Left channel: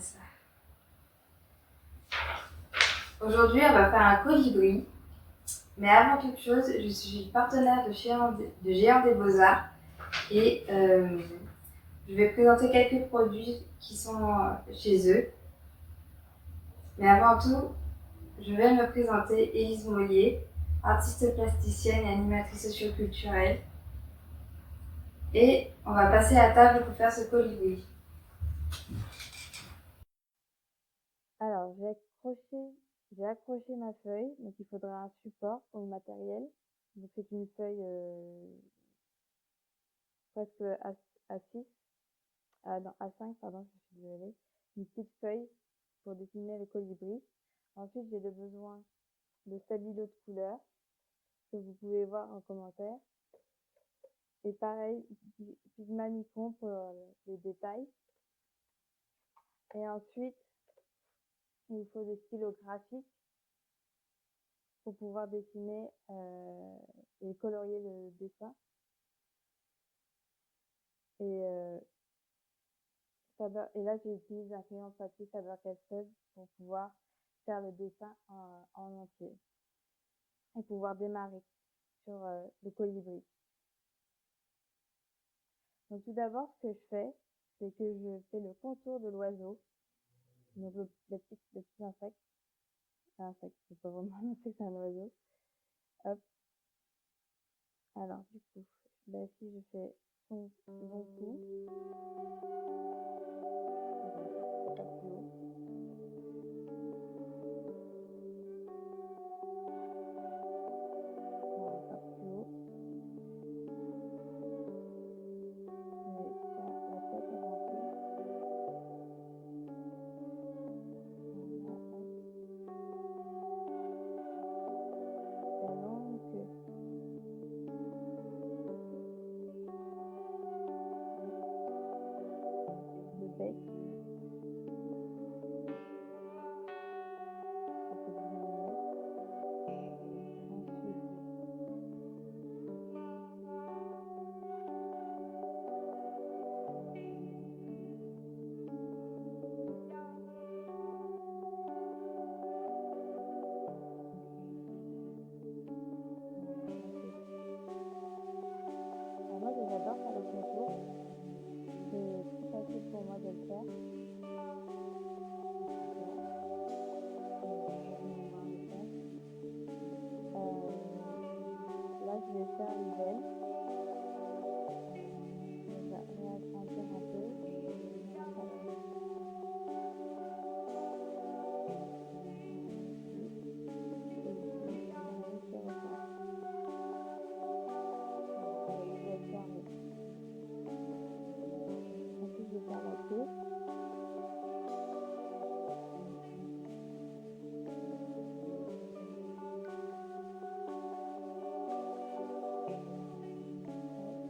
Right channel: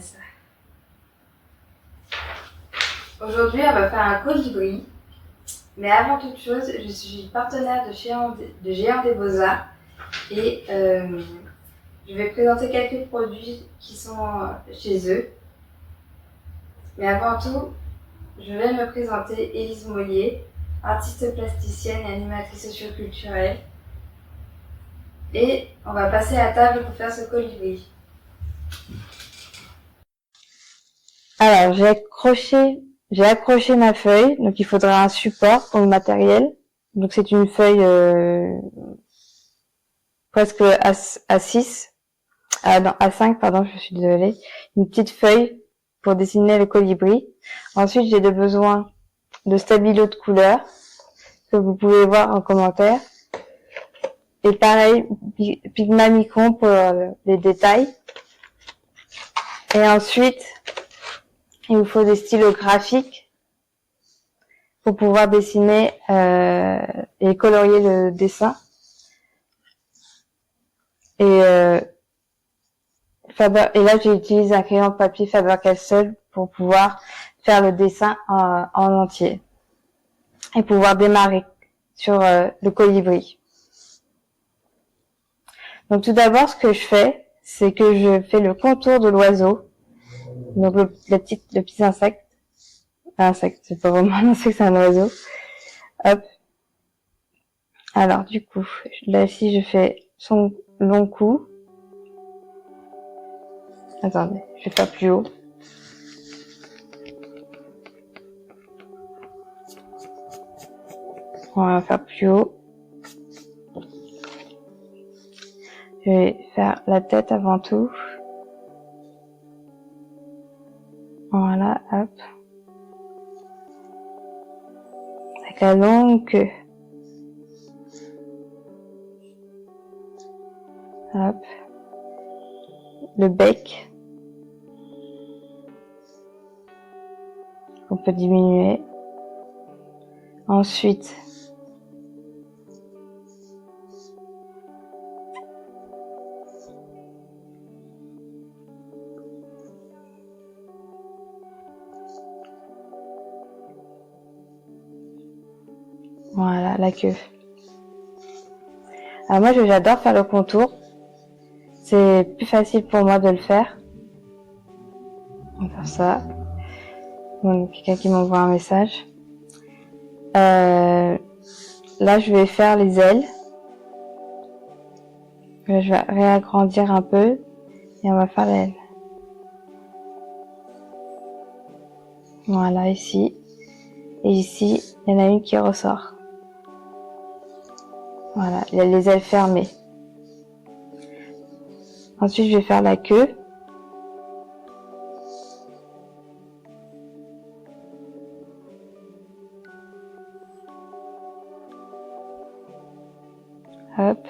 ça. Aujourd'hui, on va faire un colibri. Mais avant toute chose, je suis partenaire de Géant des Beaux-Arts et je vais présenter quelques produits qui sont chez eux. Mais avant tout, je vais me présenter Élise Mollier, artiste plasticienne et animatrice socioculturelle. Et on va passer à table pour faire ce colibri. Alors, j'ai accroché ma feuille, donc il faudra un support pour le matériel. Donc c'est une feuille presque A6, non, A5, pardon, je suis désolée. Une petite feuille pour dessiner le colibri. Ensuite, j'ai besoin de stabilo de couleur, que vous pouvez voir en commentaire. Et pareil, Pigma Micron pour les détails. Et ensuite, il vous faut des stylos graphiques pour pouvoir dessiner et colorier le dessin. Et là, j'utilise un crayon de papier Faber-Castell pour pouvoir faire le dessin en entier et pouvoir démarrer sur le colibri. Donc tout d'abord, ce que je fais, c'est que je fais le contour de l'oiseau. Donc le petit insecte. Insecte, c'est pas vraiment un insecte, c'est un oiseau. Hop. Alors du coup, là ici, je fais son long cou. Attendez, je vais faire plus haut. On va faire plus haut. Je vais faire la tête avant tout. Voilà, hop. Avec la longue queue. Hop. Le bec. On peut diminuer. Ensuite, voilà, la queue. Alors moi, j'adore faire le contour. C'est plus facile pour moi de le faire. On va faire ça. Bon, quelqu'un qui m'envoie un message. Là, je vais faire les ailes. Là, je vais réagrandir un peu et on va faire l'aile. Voilà, ici. Et ici, il y en a une qui ressort. Voilà, il y a les ailes fermées. Ensuite, je vais faire la queue. Hop.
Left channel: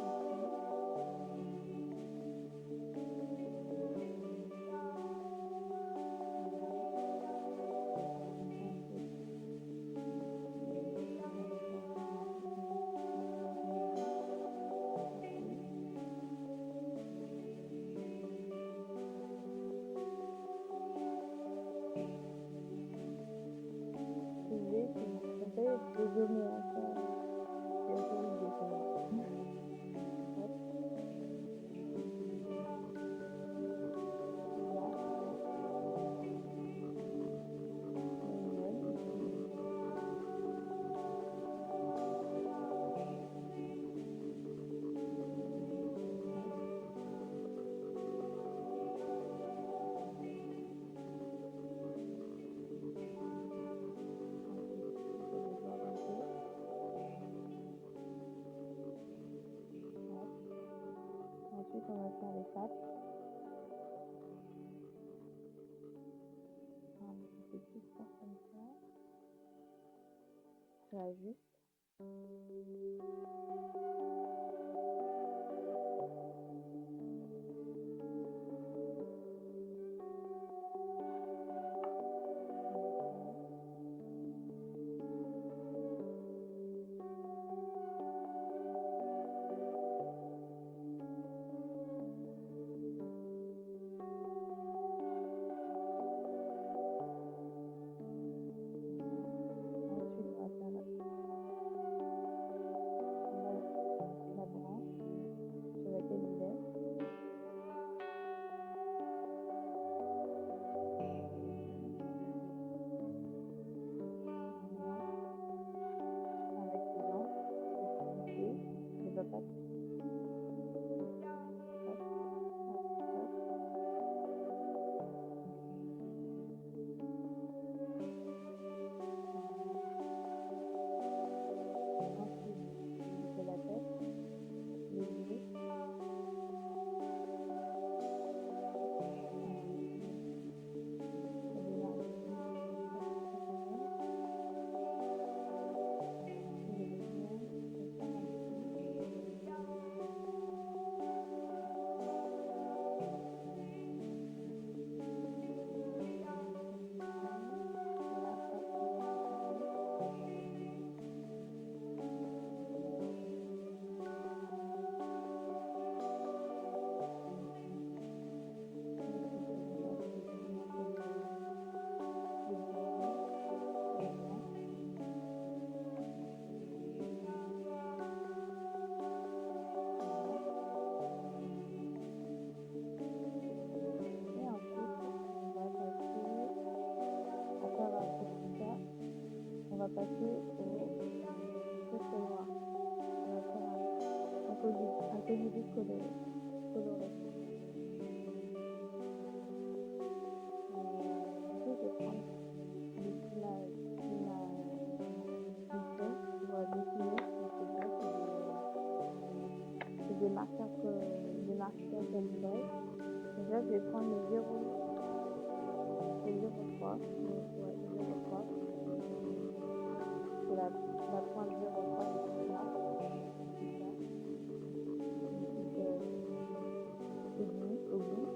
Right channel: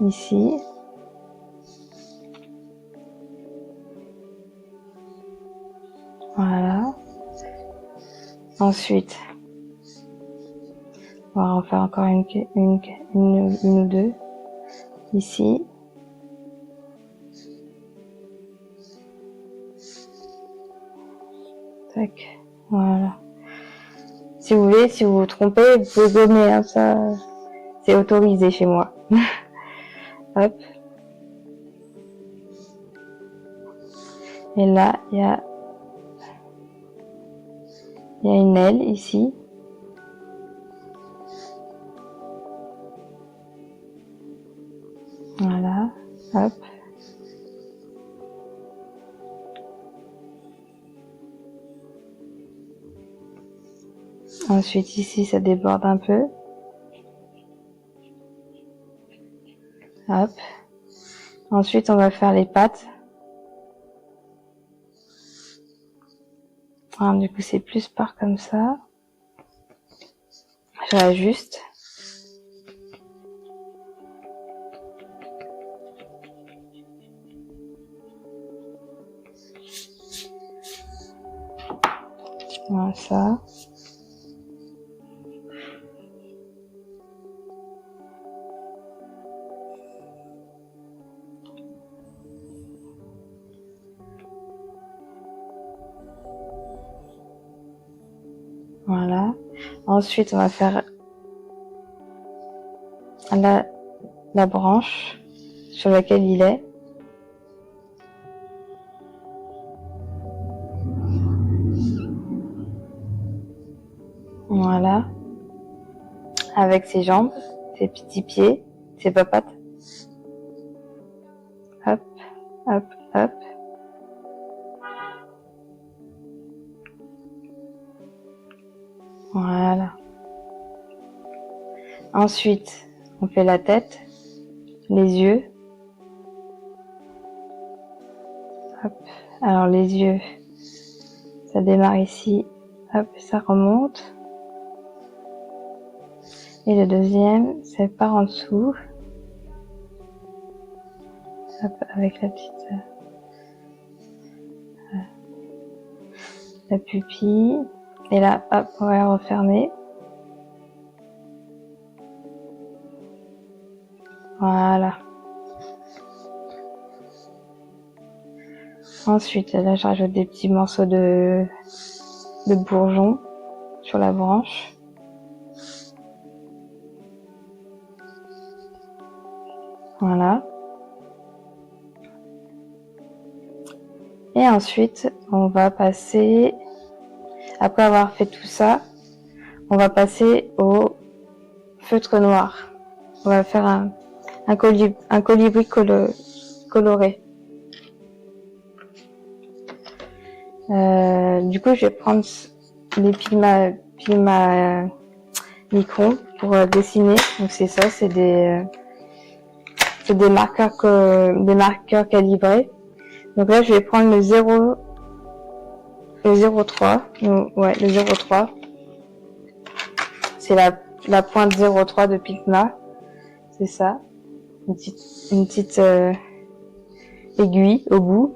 Ici. Voilà. Ensuite, on va en faire encore une ou deux. Ici. Tac. Voilà. Si vous voulez, si vous vous trompez, vous pouvez gommer, hein, ça, c'est autorisé chez moi. Hop. Et là, il y a une aile ici. Voilà. Hop. Ensuite, ici, ça déborde un peu. Hop. Ensuite, on va faire les pattes. Alors, du coup, c'est plus par comme ça. Je réajuste. Voilà, ça. Ensuite, on va faire la branche sur laquelle il est. Voilà. Avec ses jambes, ses petits pieds, ses papates. Hop, hop, hop. Voilà. Ensuite, on fait la tête, les yeux. Hop. Alors les yeux, ça démarre ici. Hop, ça remonte. Et le deuxième, c'est par en dessous. Hop, avec la petite la pupille. Et là, hop, on va refermer. Voilà. Ensuite, là, je rajoute des petits morceaux de bourgeon sur la branche. Voilà. Et ensuite, on va passer, après avoir fait tout ça, on va passer au feutre noir. On va faire un colibri coloré. Du coup, je vais prendre les Pigma Micron pour dessiner. Donc c'est ça, c'est des marqueurs calibrés. Donc là, je vais prendre le 0,3. Ouais, le 0,3. C'est la pointe 0,3 de Pigma. C'est ça. Une petite aiguille au bout.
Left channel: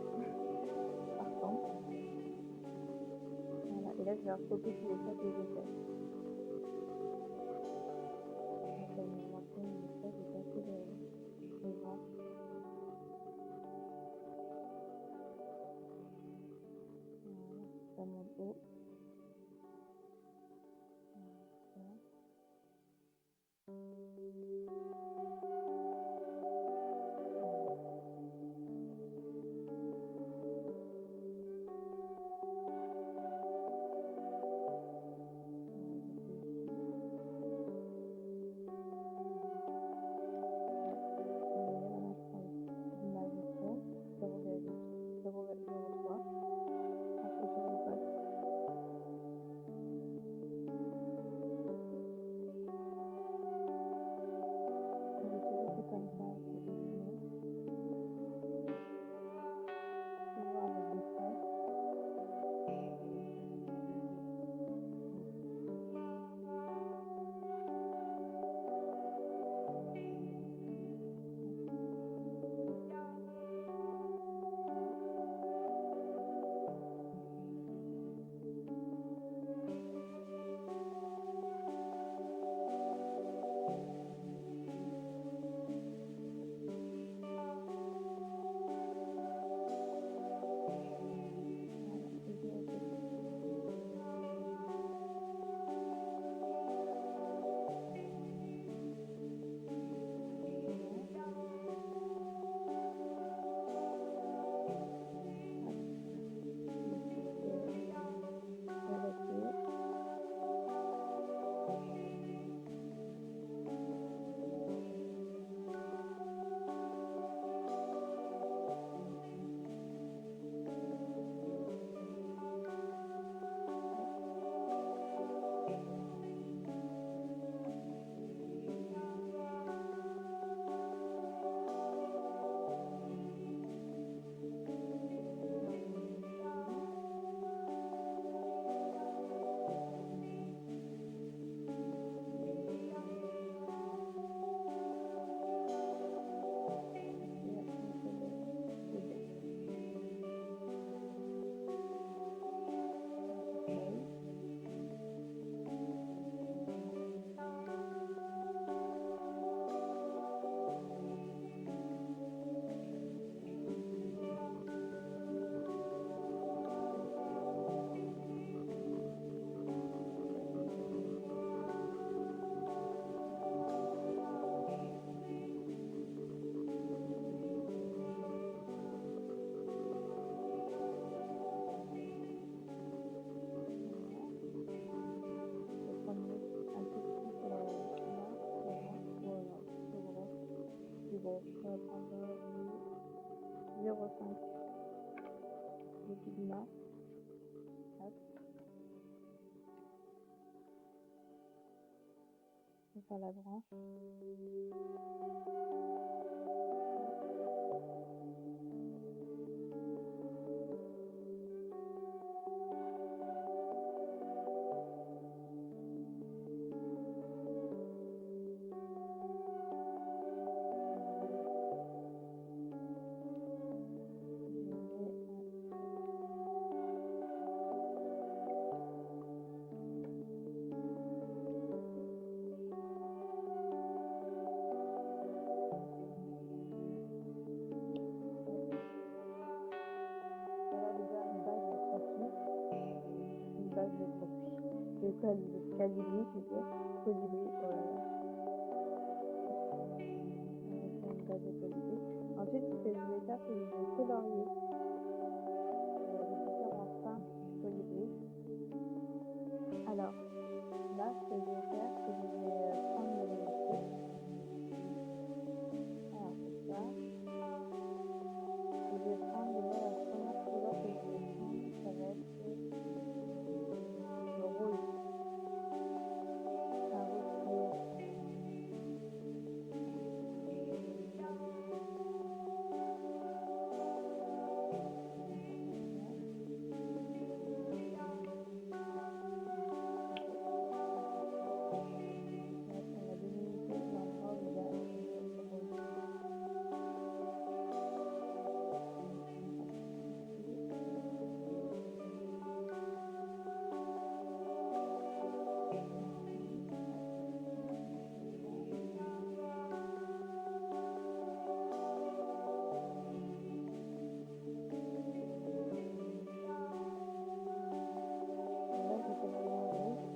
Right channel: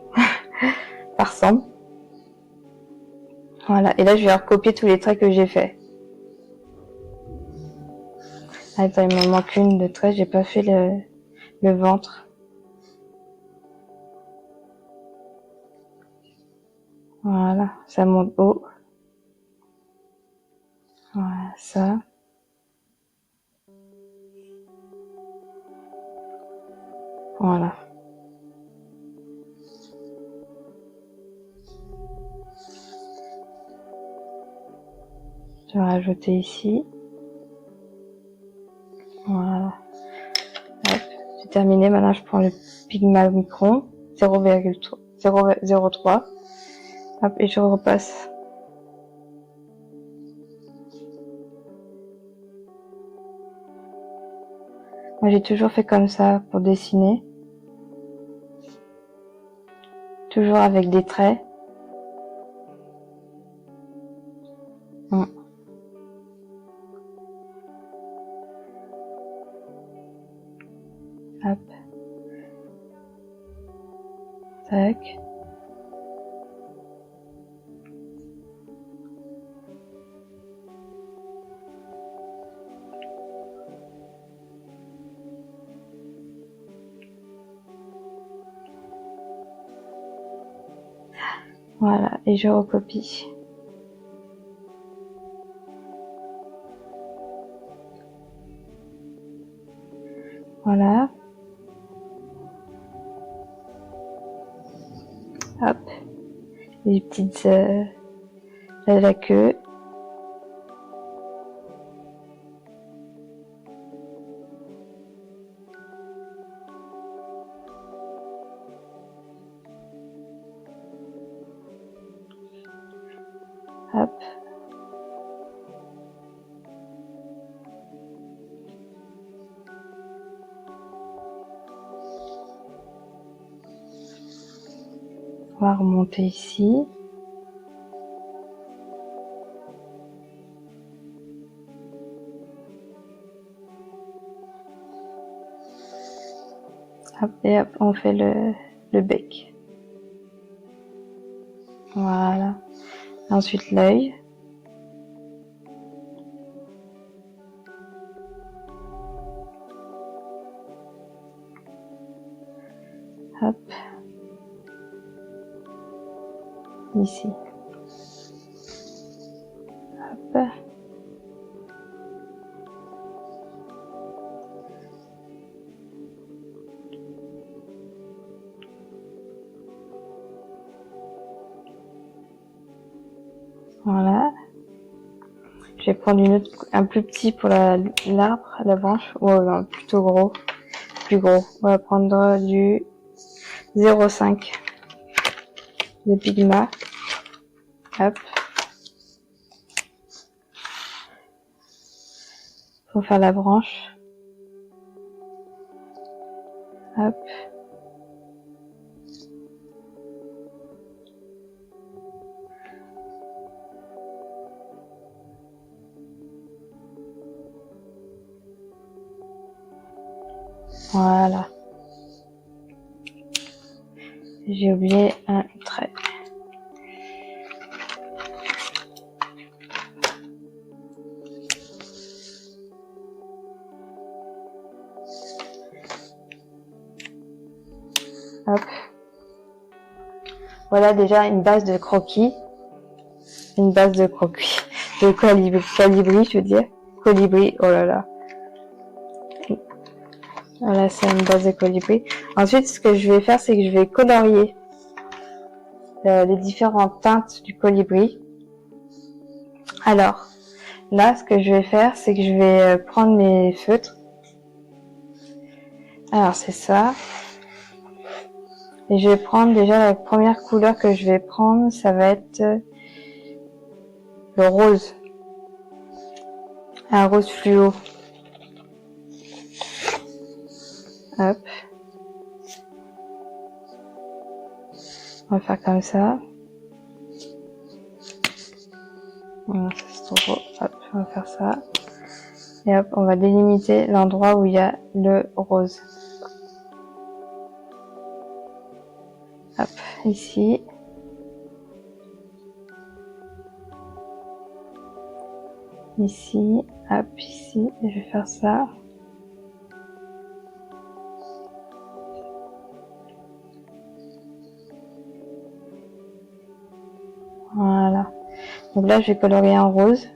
Ça ressemble. Voilà. Et là, je vais recopier tous les traits que j'ai faits. Attends, il me manque une de traits. J'ai pas fait le ventre. Voilà. Ça monte haut. Voilà, ça. Voilà. Je vais rajouter ici. Voilà. Hop, c'est terminé. Maintenant, je prends le Pigma Micron 0,3. Hop, et je repasse. Moi, j'ai toujours fait comme ça pour dessiner. Toujours avec des traits. Hop. Tac. Voilà, et je recopie. Voilà. Hop. Les petites... la queue. Hop. On va remonter ici. Hop, et hop, on fait le bec. Voilà. Ensuite, l'œil. Hop. Ici. Hop. Voilà. Je vais prendre un plus petit pour l'arbre, la branche. Oh non, plutôt gros. Plus gros. On va prendre du 0,5 de Pigma. Hop. Pour faire la branche. Hop. Voilà. J'ai oublié un trait. Hop. Voilà déjà une base de croquis. Une base de croquis. De colibri, je veux dire. Colibri, oh là là. Voilà, c'est une base de colibri. Ensuite, ce que je vais faire, c'est que je vais colorier les différentes teintes du colibri. Alors, là, ce que je vais faire, c'est que je vais prendre mes feutres. Alors, c'est ça. Et je vais prendre déjà la première couleur que je vais prendre, ça va être le rose. Un rose fluo. Hop. On va faire comme ça. Voilà, ça c'est trop beau. Hop, on va faire ça. Et hop, on va délimiter l'endroit où il y a le rose. Hop, ici. Ici, hop, ici. Et je vais faire ça. Voilà. Donc là, je vais colorier en rose.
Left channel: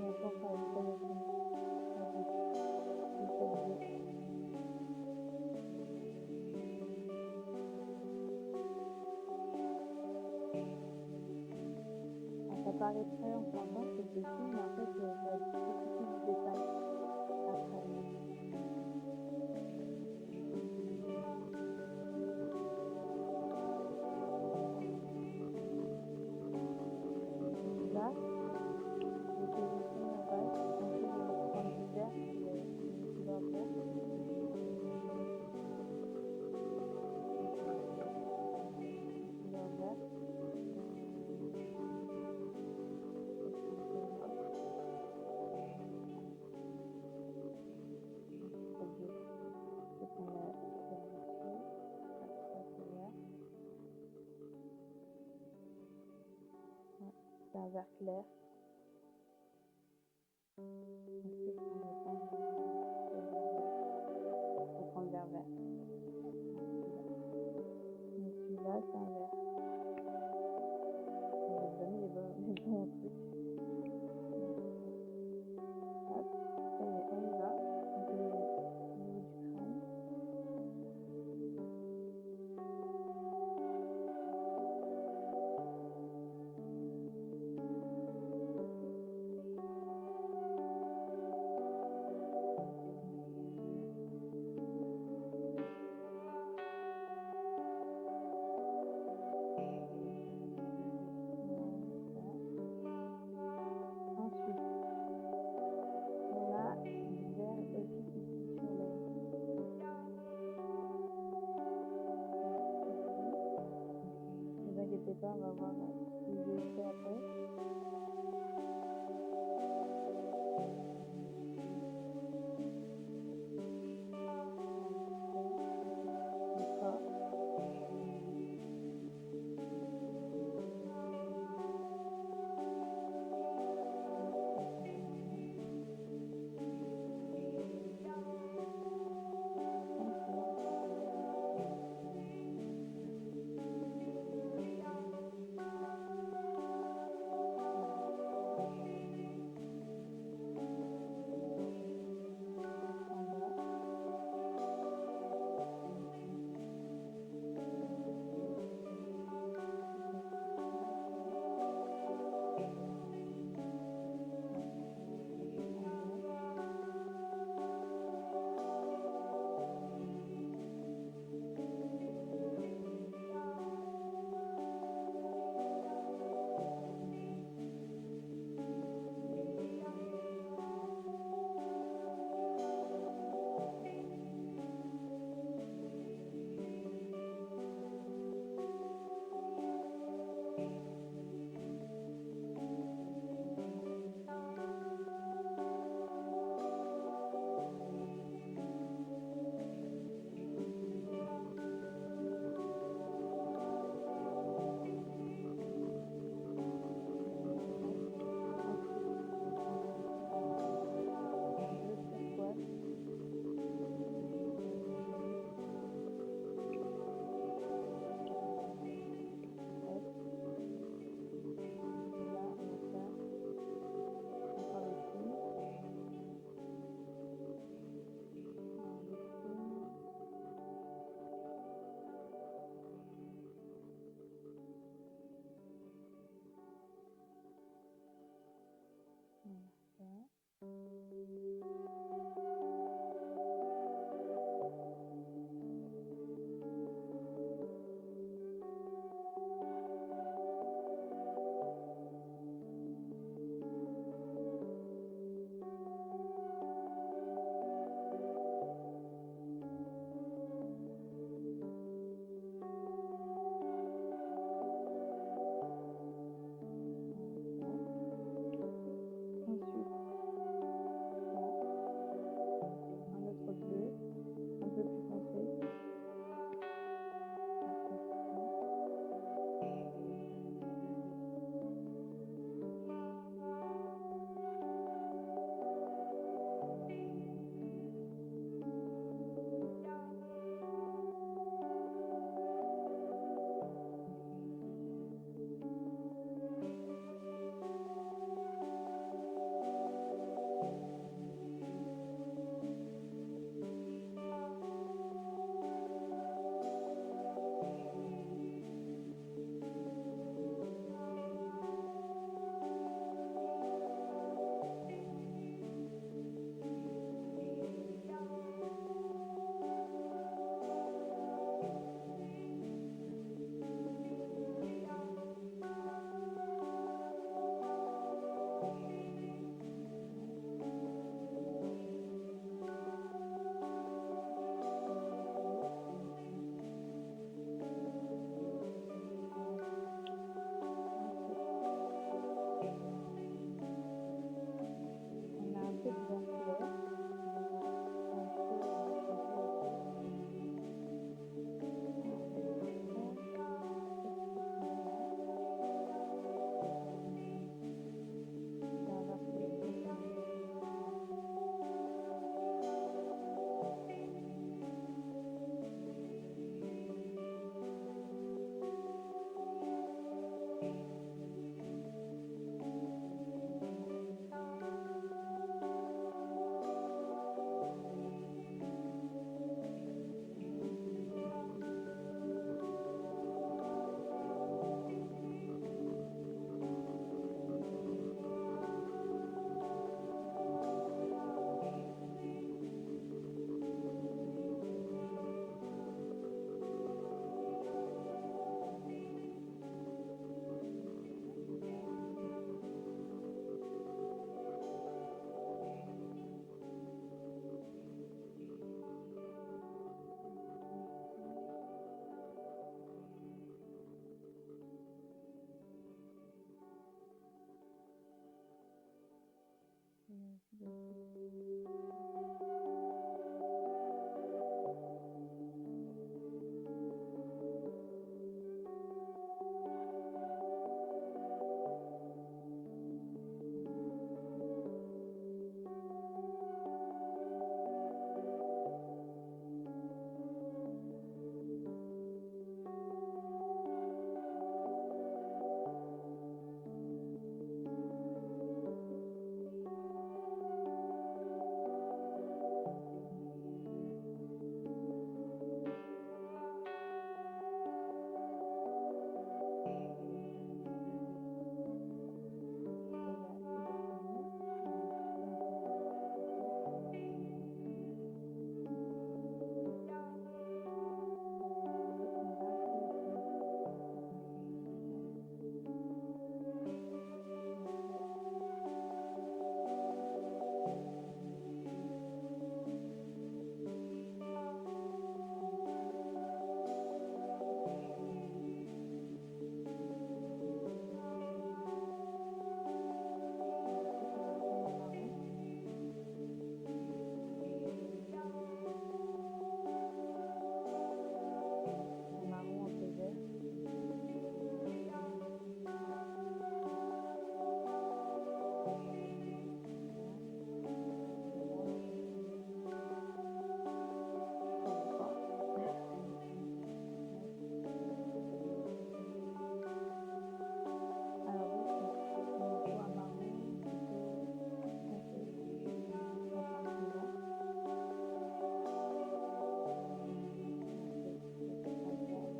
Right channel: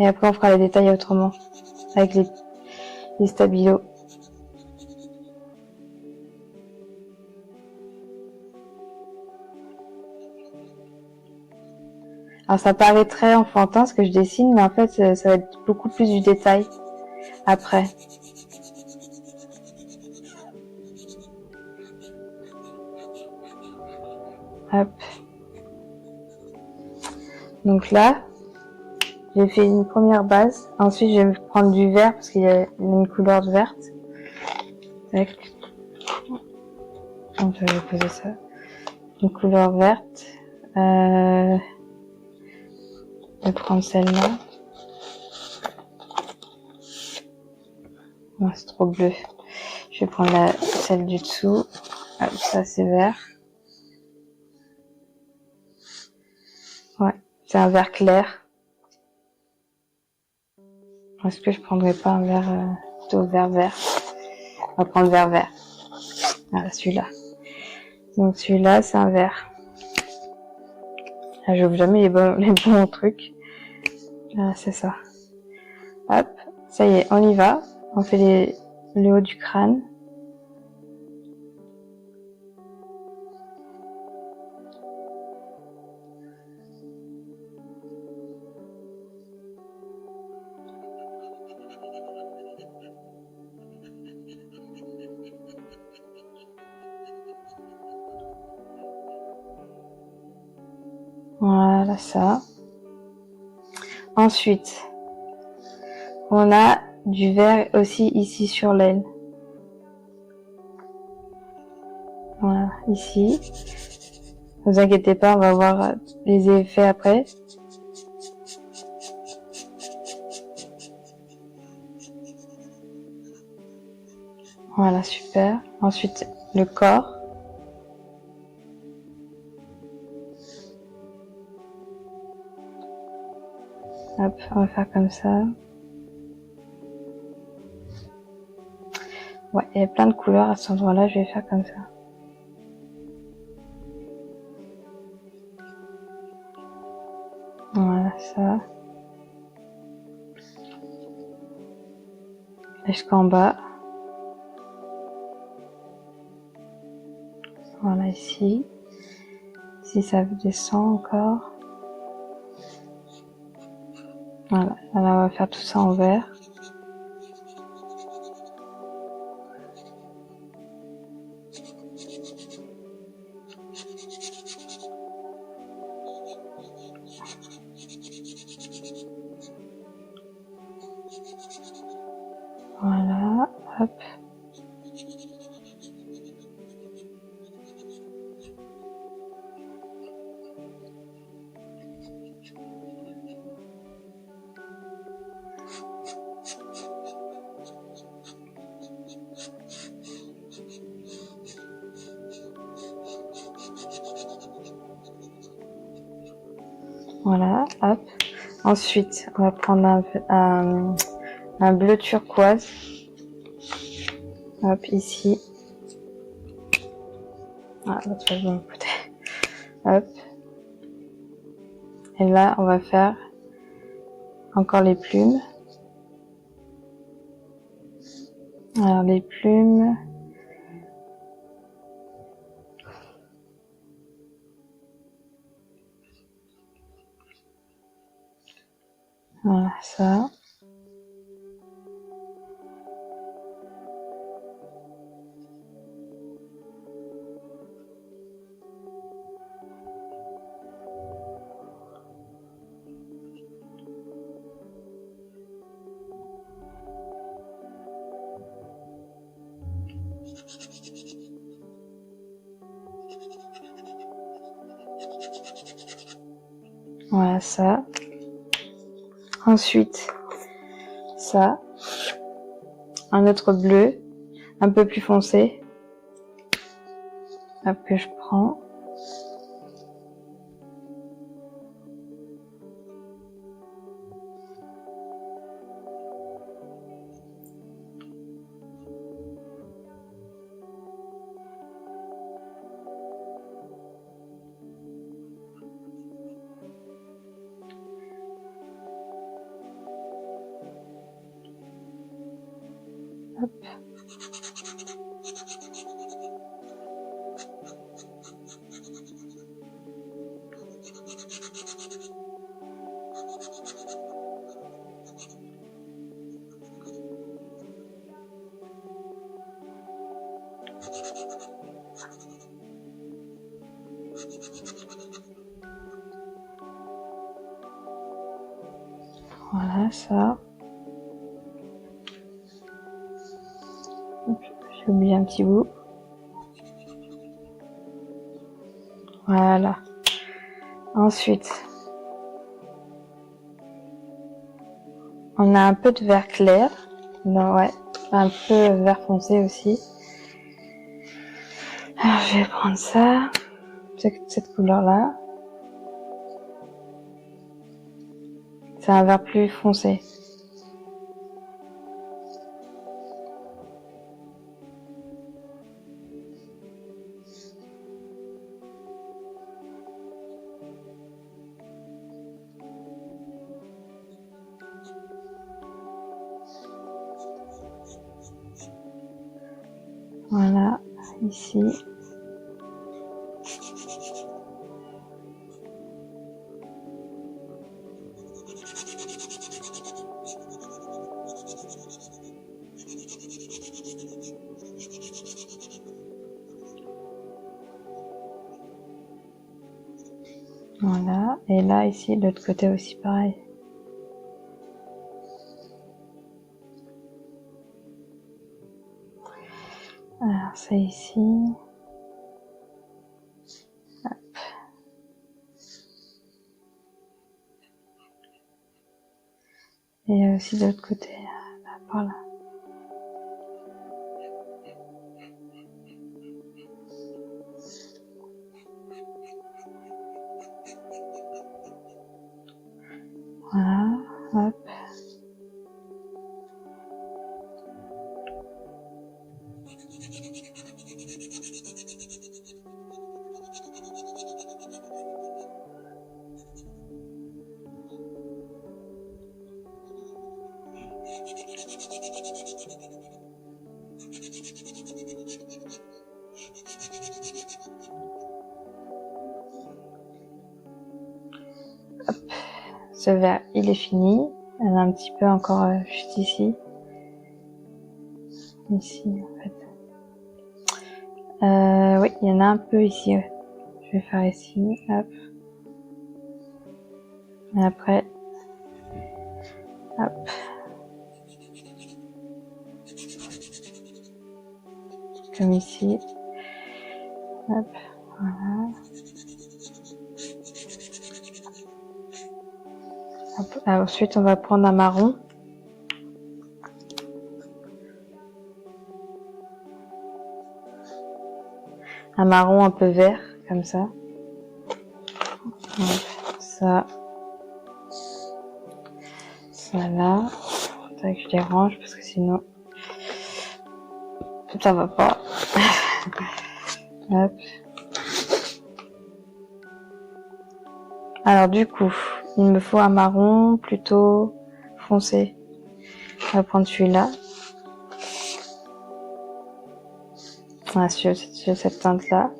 Et après, on fera les détails autrement. Avec les stabilos. Alors ça paraît très enfantin ce que je dessine, mais en fait ça va être beaucoup plus du détail après. Hop. Donc là, j'ai fait une première base. Ensuite, je vais prendre du vert parce qu'il y a une couleur verte. Tac. On peut poser ça. Une couleur verte. Je vais prendre celle-là. Non, c'est trop bleu. Je vais prendre celle du dessous. Hop, ça c'est vert. Ouais, c'est un vert clair. Est-ce que je prendrais pas un vert plutôt vert vert? On va prendre vert vert. Voilà, celui-là. Donc celui-là, c'est un vert. Ah, j'ouvre jamais les bons trucs. Ah, c'est ça. Hop, ça y est, on y va. On fait le haut du crâne. Voilà ça. Ensuite, on a du vert aussi ici sur l'aile. Voilà, ici. Ne vous inquiétez pas, on va voir les effets après. Voilà, super. Ensuite, le corps. Hop, on va faire comme ça. Ouais, il y a plein de couleurs à cet endroit-là, je vais faire comme ça. Voilà, ça. Jusqu'en bas. Voilà, ici. si ça descend encore. Voilà, là on va faire tout ça en vert. Voilà, hop. Voilà, hop. Ensuite, on va prendre un bleu turquoise. Hop, ici. Ah, l'autre fois, je vais me côté. Hop. Et là, on va faire encore les plumes. Alors, les plumes. Voilà, ça. Voilà, ça. Ensuite, ça. Un autre bleu, un peu plus foncé. Hop, que je prends. Hop. Voilà, ça. J'ai oublié un petit bout. Voilà. Ensuite, on a un peu de vert clair. Non, ouais, un peu vert foncé aussi. Alors, je vais prendre ça, cette couleur-là. C'est un vert plus foncé. Voilà, ici. Voilà, et là, ici, de l'autre côté aussi, pareil. Alors, ça ici. Hop. Et aussi de l'autre côté, là, par là. Voilà, hop. ce vert, il est fini. Il y en a un petit peu encore juste ici. Ici, en fait. Oui, il y en a un peu ici, ouais. Je vais faire ici, hop. Et après, hop. Comme ici. Hop, voilà. Hop. Ensuite, on va prendre un marron. Un marron un peu vert, comme ça. Hop, ça. Ça là. Faudrait que je les range parce que sinon, ça va pas. Hop. Alors du coup, il me faut un marron plutôt foncé. On va prendre celui-là. Voilà, sur cette teinte-là.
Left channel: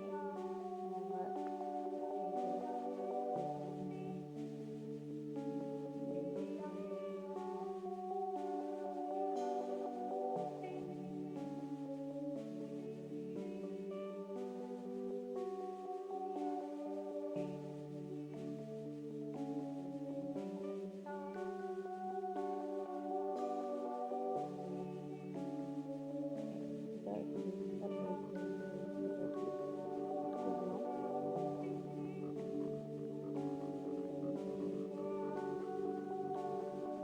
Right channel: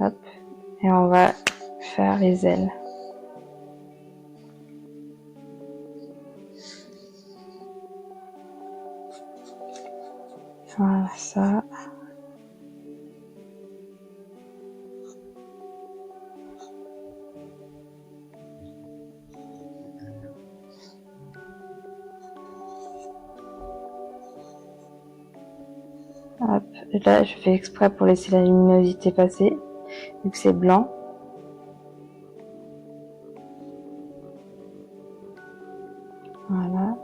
Hop. Et on va faire les ailes. Voilà, ça. Hop. Et là, je fais exprès pour laisser la luminosité passer, vu que c'est blanc. Voilà.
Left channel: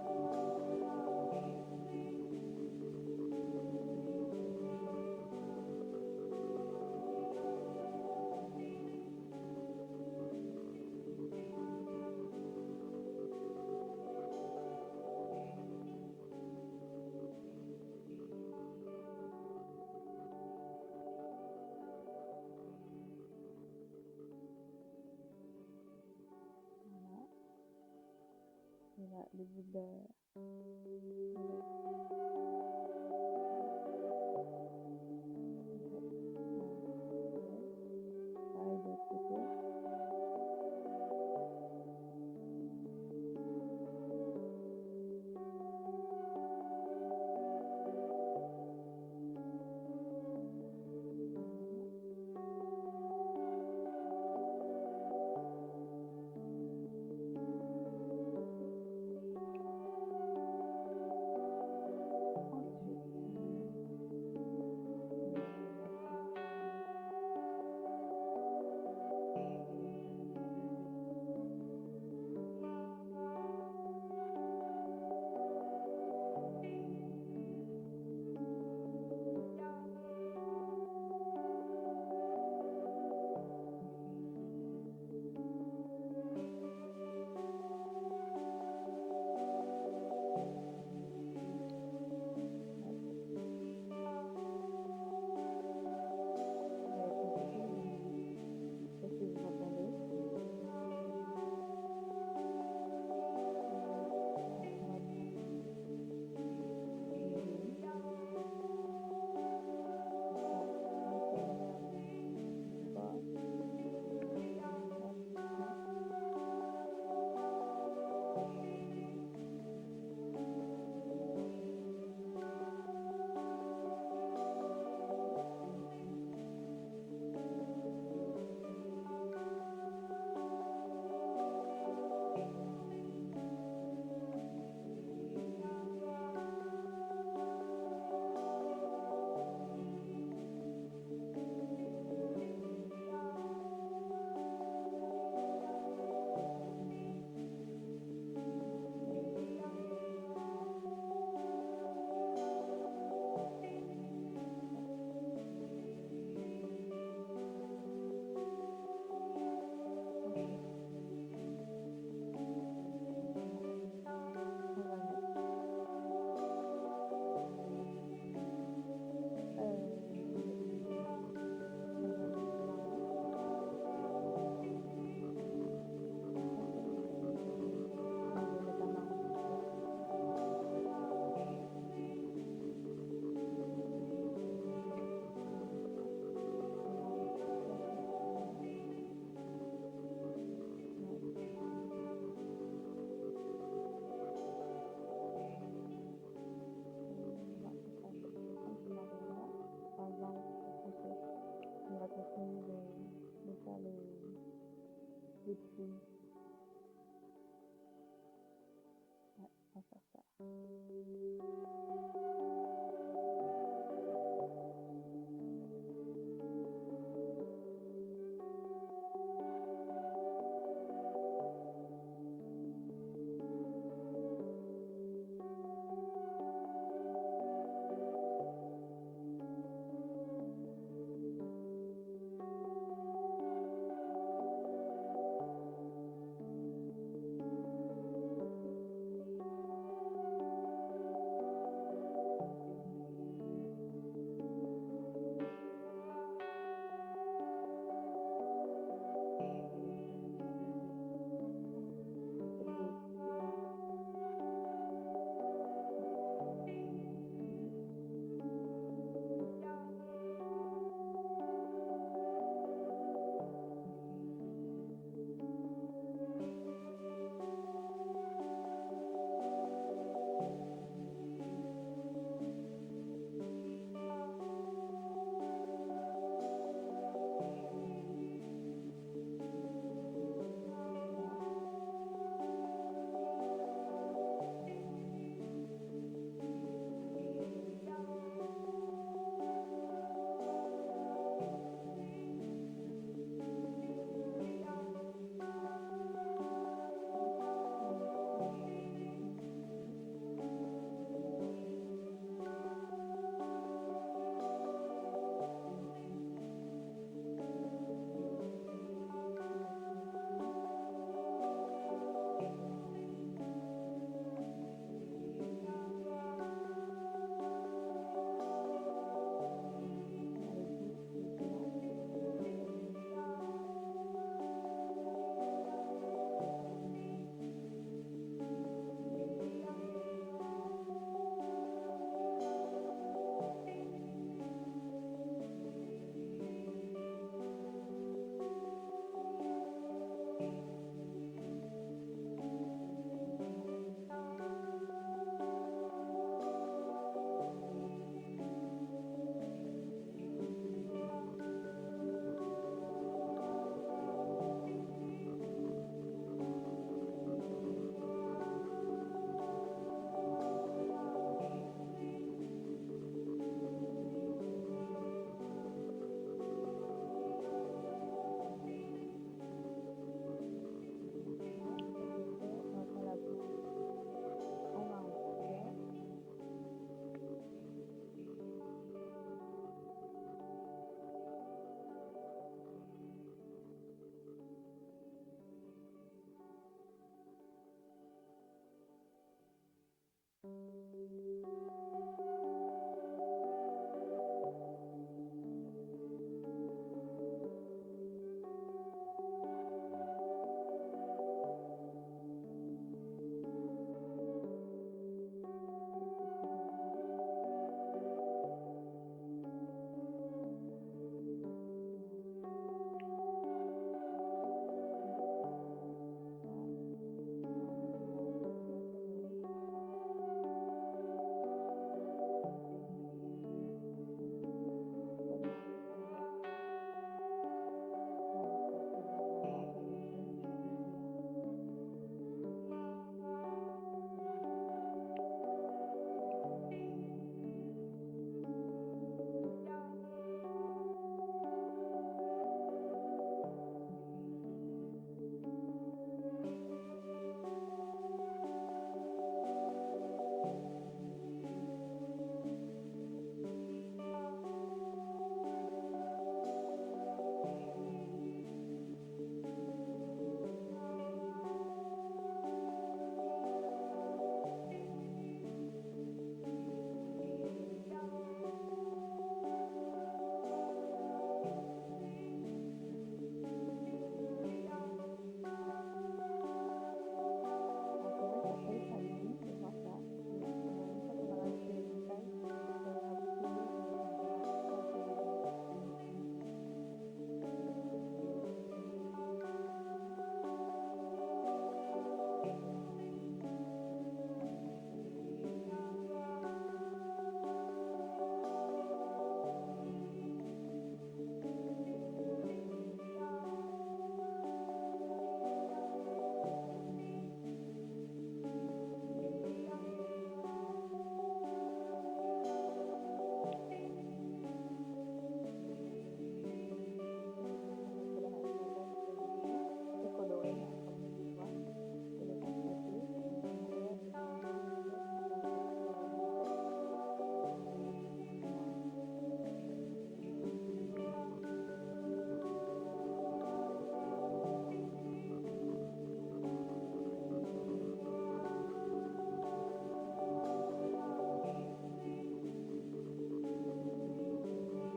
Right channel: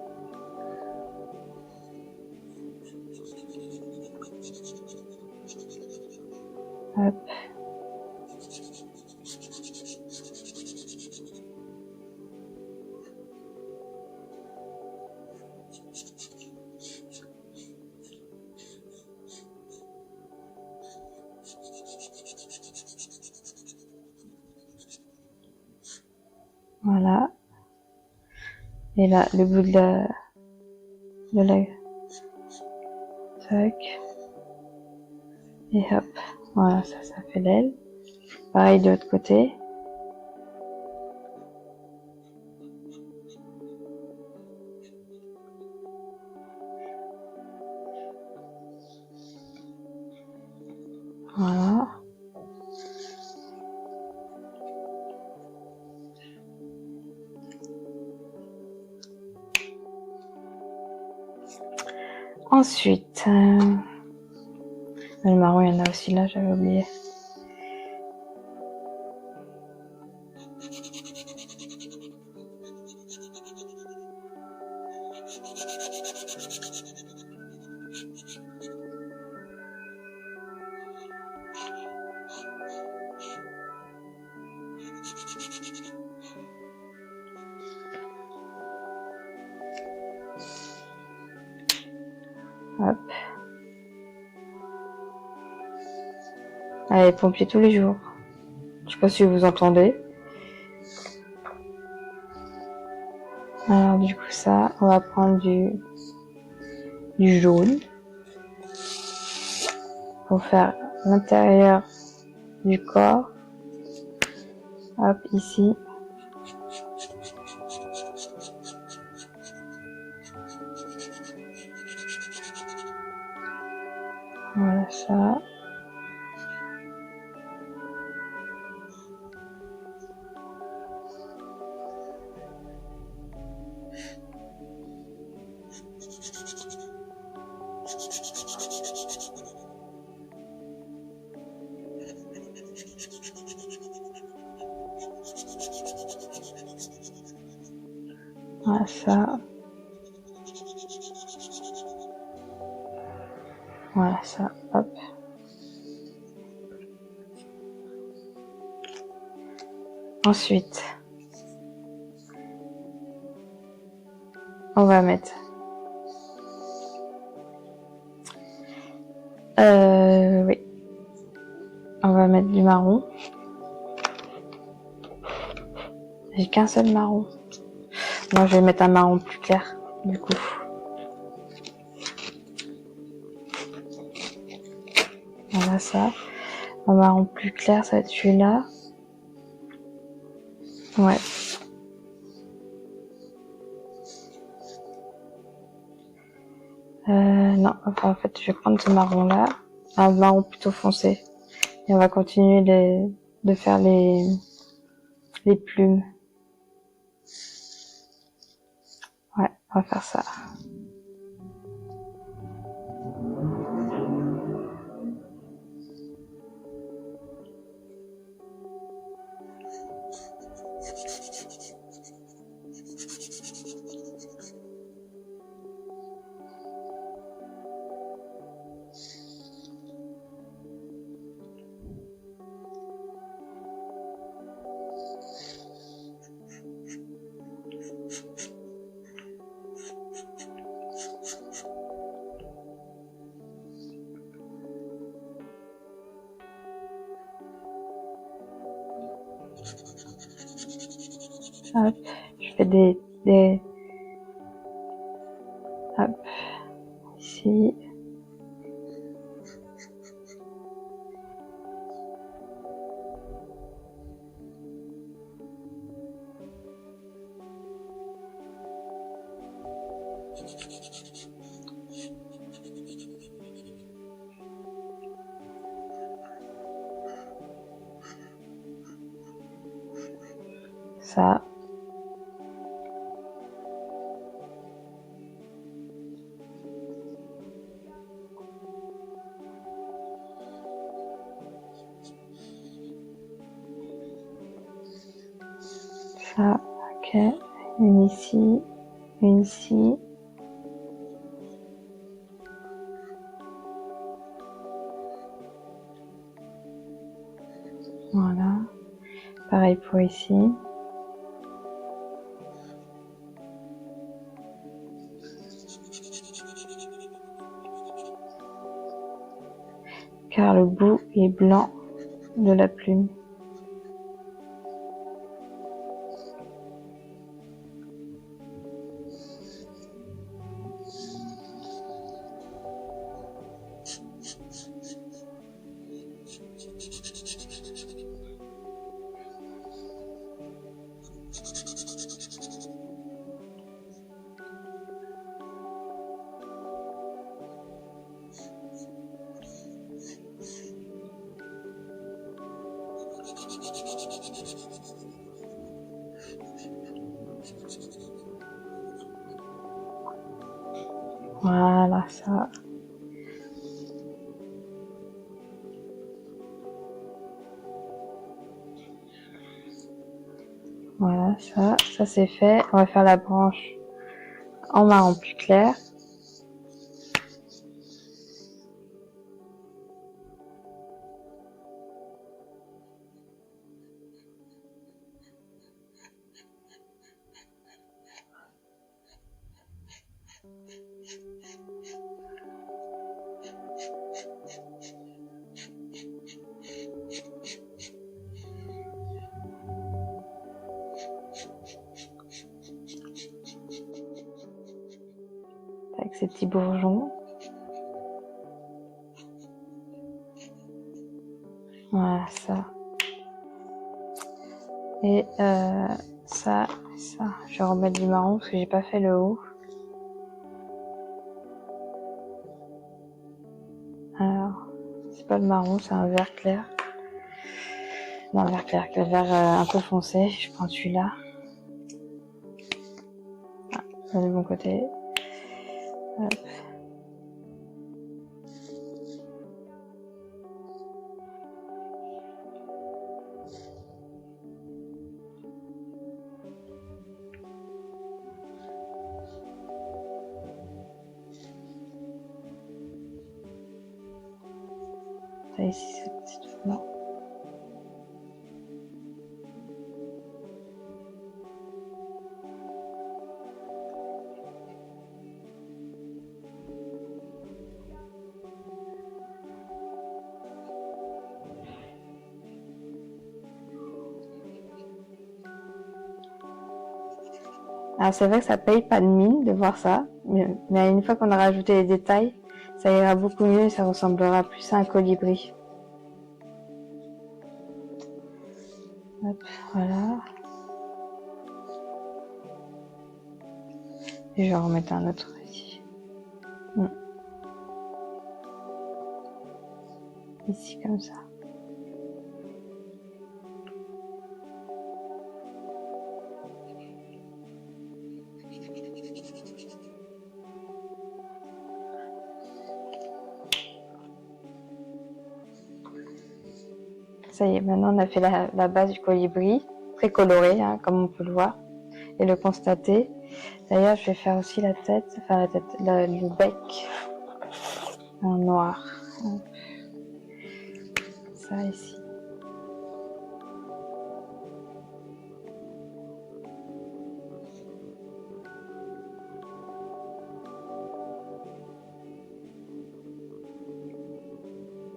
Hop. Voilà. Et là, le bout de la... Tac. Et hop. Voilà, ça fait l'aile. Pareil de l'autre côté. Voilà. Ensuite, le marron, il y en a aussi là, j'avais oublié. Hop. Allez, pompier tous les jours. Je sais pas si vous entendez. Alors du coup ça, on va prendre du jaune pour faire l'intérieur du corps. Hop, ici. Voilà ça. Voilà ça. Voilà ça. Hop. Ensuite, on va mettre oui. On va mettre du marron. J'ai qu'un seul marron. Moi, je vais mettre un marron plus clair, du coup. Voilà ça. Un marron plus clair, ça va être celui-là. Ouais. enfin, en fait, je vais prendre ce marron-là, un marron plutôt foncé. Et on va continuer de faire les plumes. Ouais, on va faire ça. Hop, je fais hop, ici. Ça. Ça, ok. Une ici, une ici. Voilà. Pareil pour ici. Car le bout est blanc de la plume. Voilà, ça. Voilà, ça c'est fait. On va faire la branche en marron plus clair. Avec ces petits bourgeons. Voilà, ça. Et ça. Je vais remettre du marron parce que j'ai pas fait le haut. Alors, c'est pas le marron, c'est un vert clair. Non, vert clair, le vert un peu foncé. Je prends celui-là. De mon côté. Hop. Ça ici, c'est tout blanc. Alors c'est vrai que ça paye pas de mine de voir ça, mais une fois qu'on a rajouté les détails, ça ira beaucoup mieux et ça ressemblera plus à un colibri. Hop, voilà. Et je vais en remettre un autre ici. ici comme ça. Ça y est, maintenant on a fait la base du colibri, très colorée, hein, comme on peut le voir et le constater. D'ailleurs, je vais faire aussi la tête, enfin le bec en noir. Ça ici.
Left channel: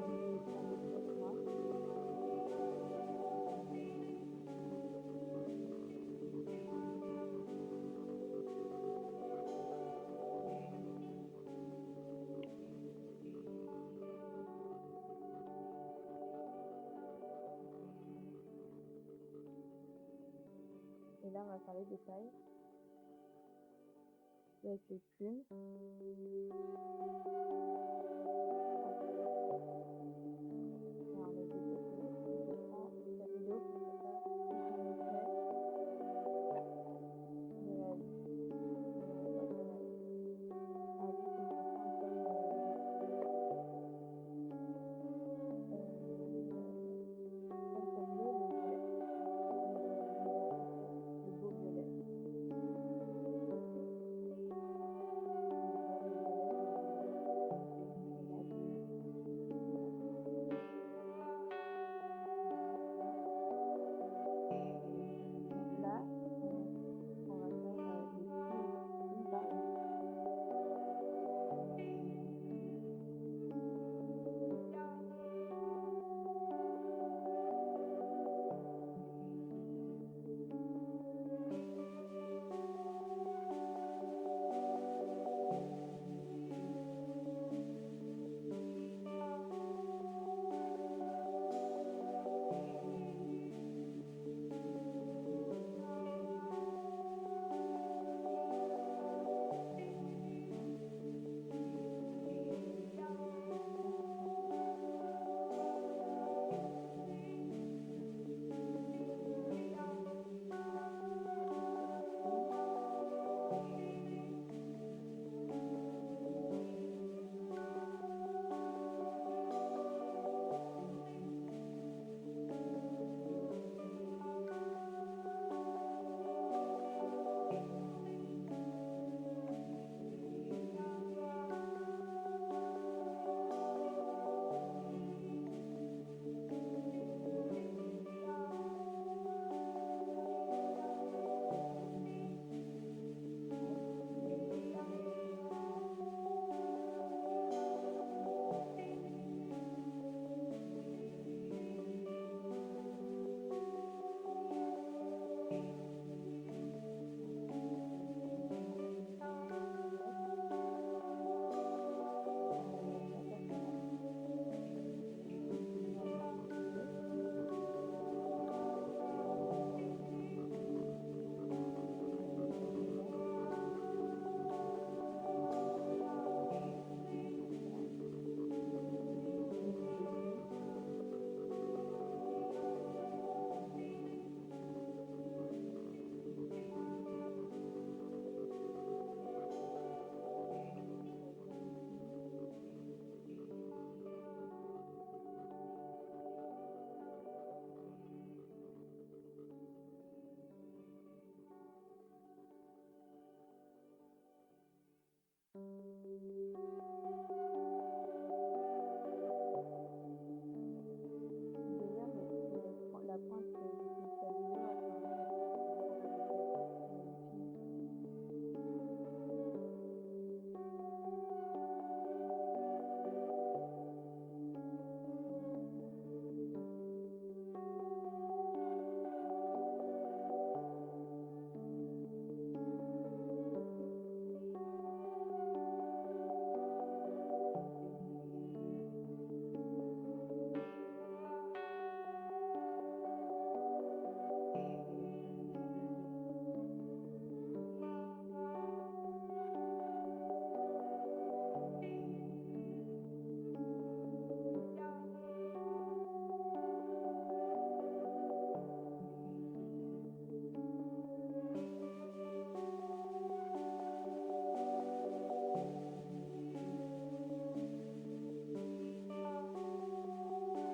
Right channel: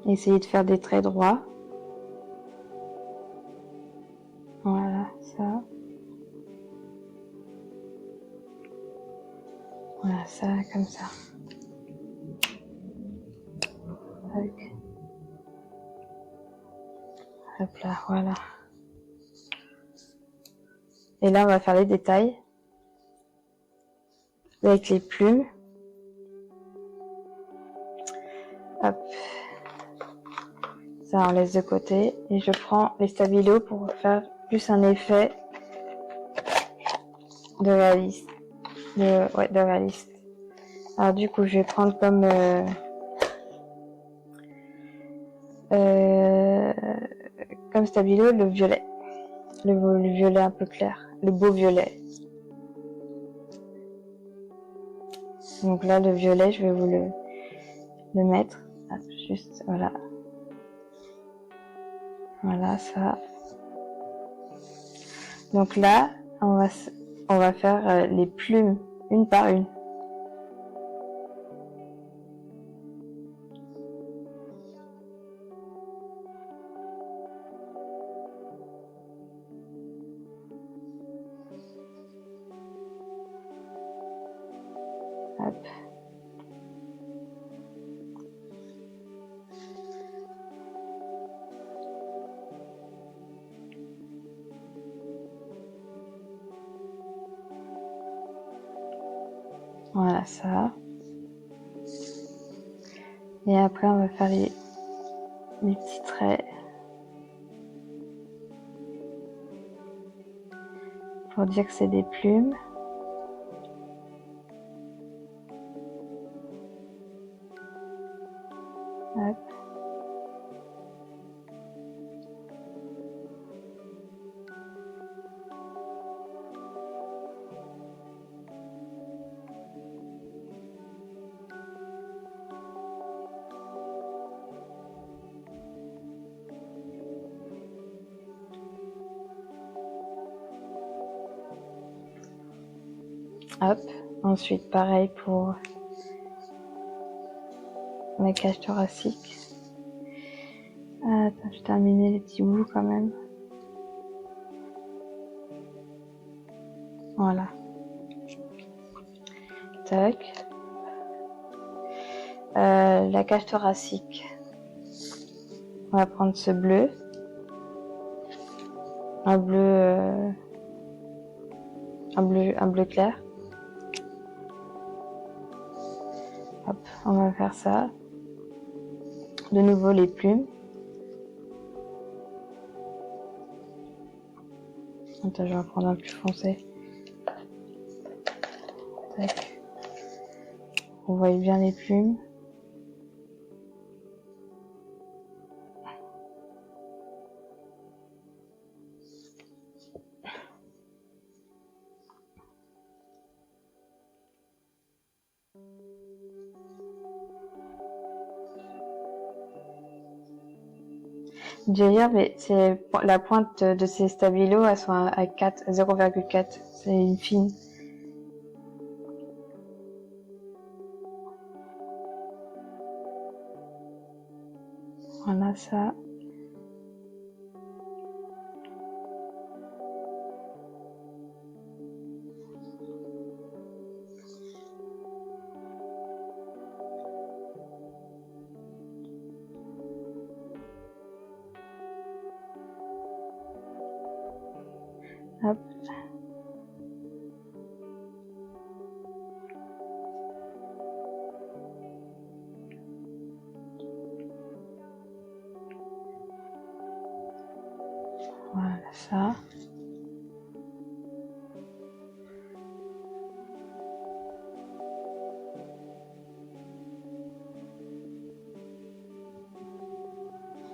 Essayez de faire des traits droits. Voilà, ça. Voilà, ça, comme ça. Tac. Hop là, voilà. Et là, on va faire les détails avec les plumes. Hop. Ça, on laisse de côté. Et je prends les stabilos pour faire plus un effet de réaliste. De réaliste. Alors du coup, je vais prendre comme stabilo le violet. Le violet un peu clair. Le beau violet. Donc là, le violet, je vais vous le mettre. Ah, juste, voilà. Voilà, ça. Donc là, on va faire les plumes une par une. Hop. Voilà, ça. Et après, on va faire les petits traits pour dire que c'est des plumes. Hop. Hop. Ensuite, pareil pour la cage thoracique. Attends, je terminer les petits bouts quand même. Voilà. Tac. La cage thoracique. On va prendre ce bleu. Un bleu clair. Hop, on va faire ça. De nouveau les plumes. Attends, je vais en prendre un plus foncé. Tac. On voit bien les plumes. D'ailleurs, mais c'est la pointe de ces stabilos, elles sont à 0,4. C'est une fine. Voilà ça. Hop. ça.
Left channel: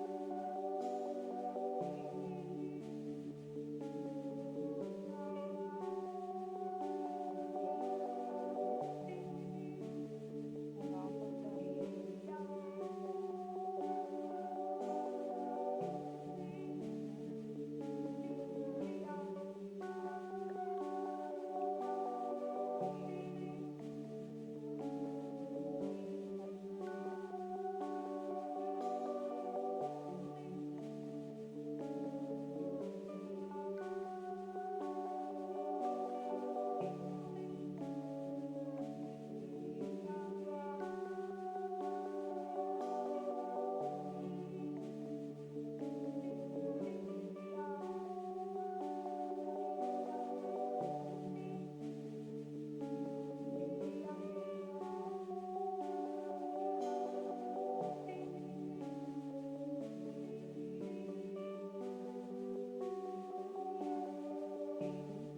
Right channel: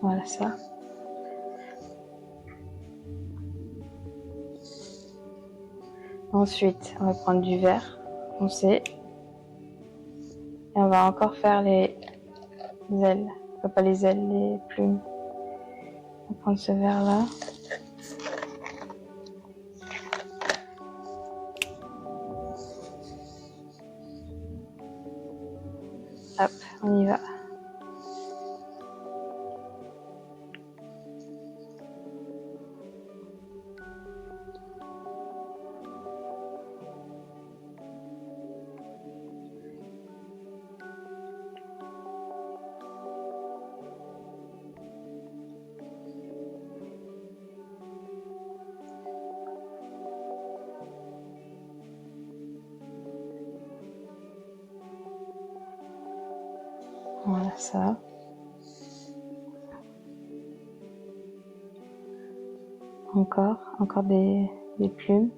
Voilà ça. Ensuite, on va prendre du vert foncé. Et on va encore faire les ailes. Enfin, pas les ailes, les plumes. On va prendre ce vert là. Hop, on y va. Voilà ça. Encore des plumes.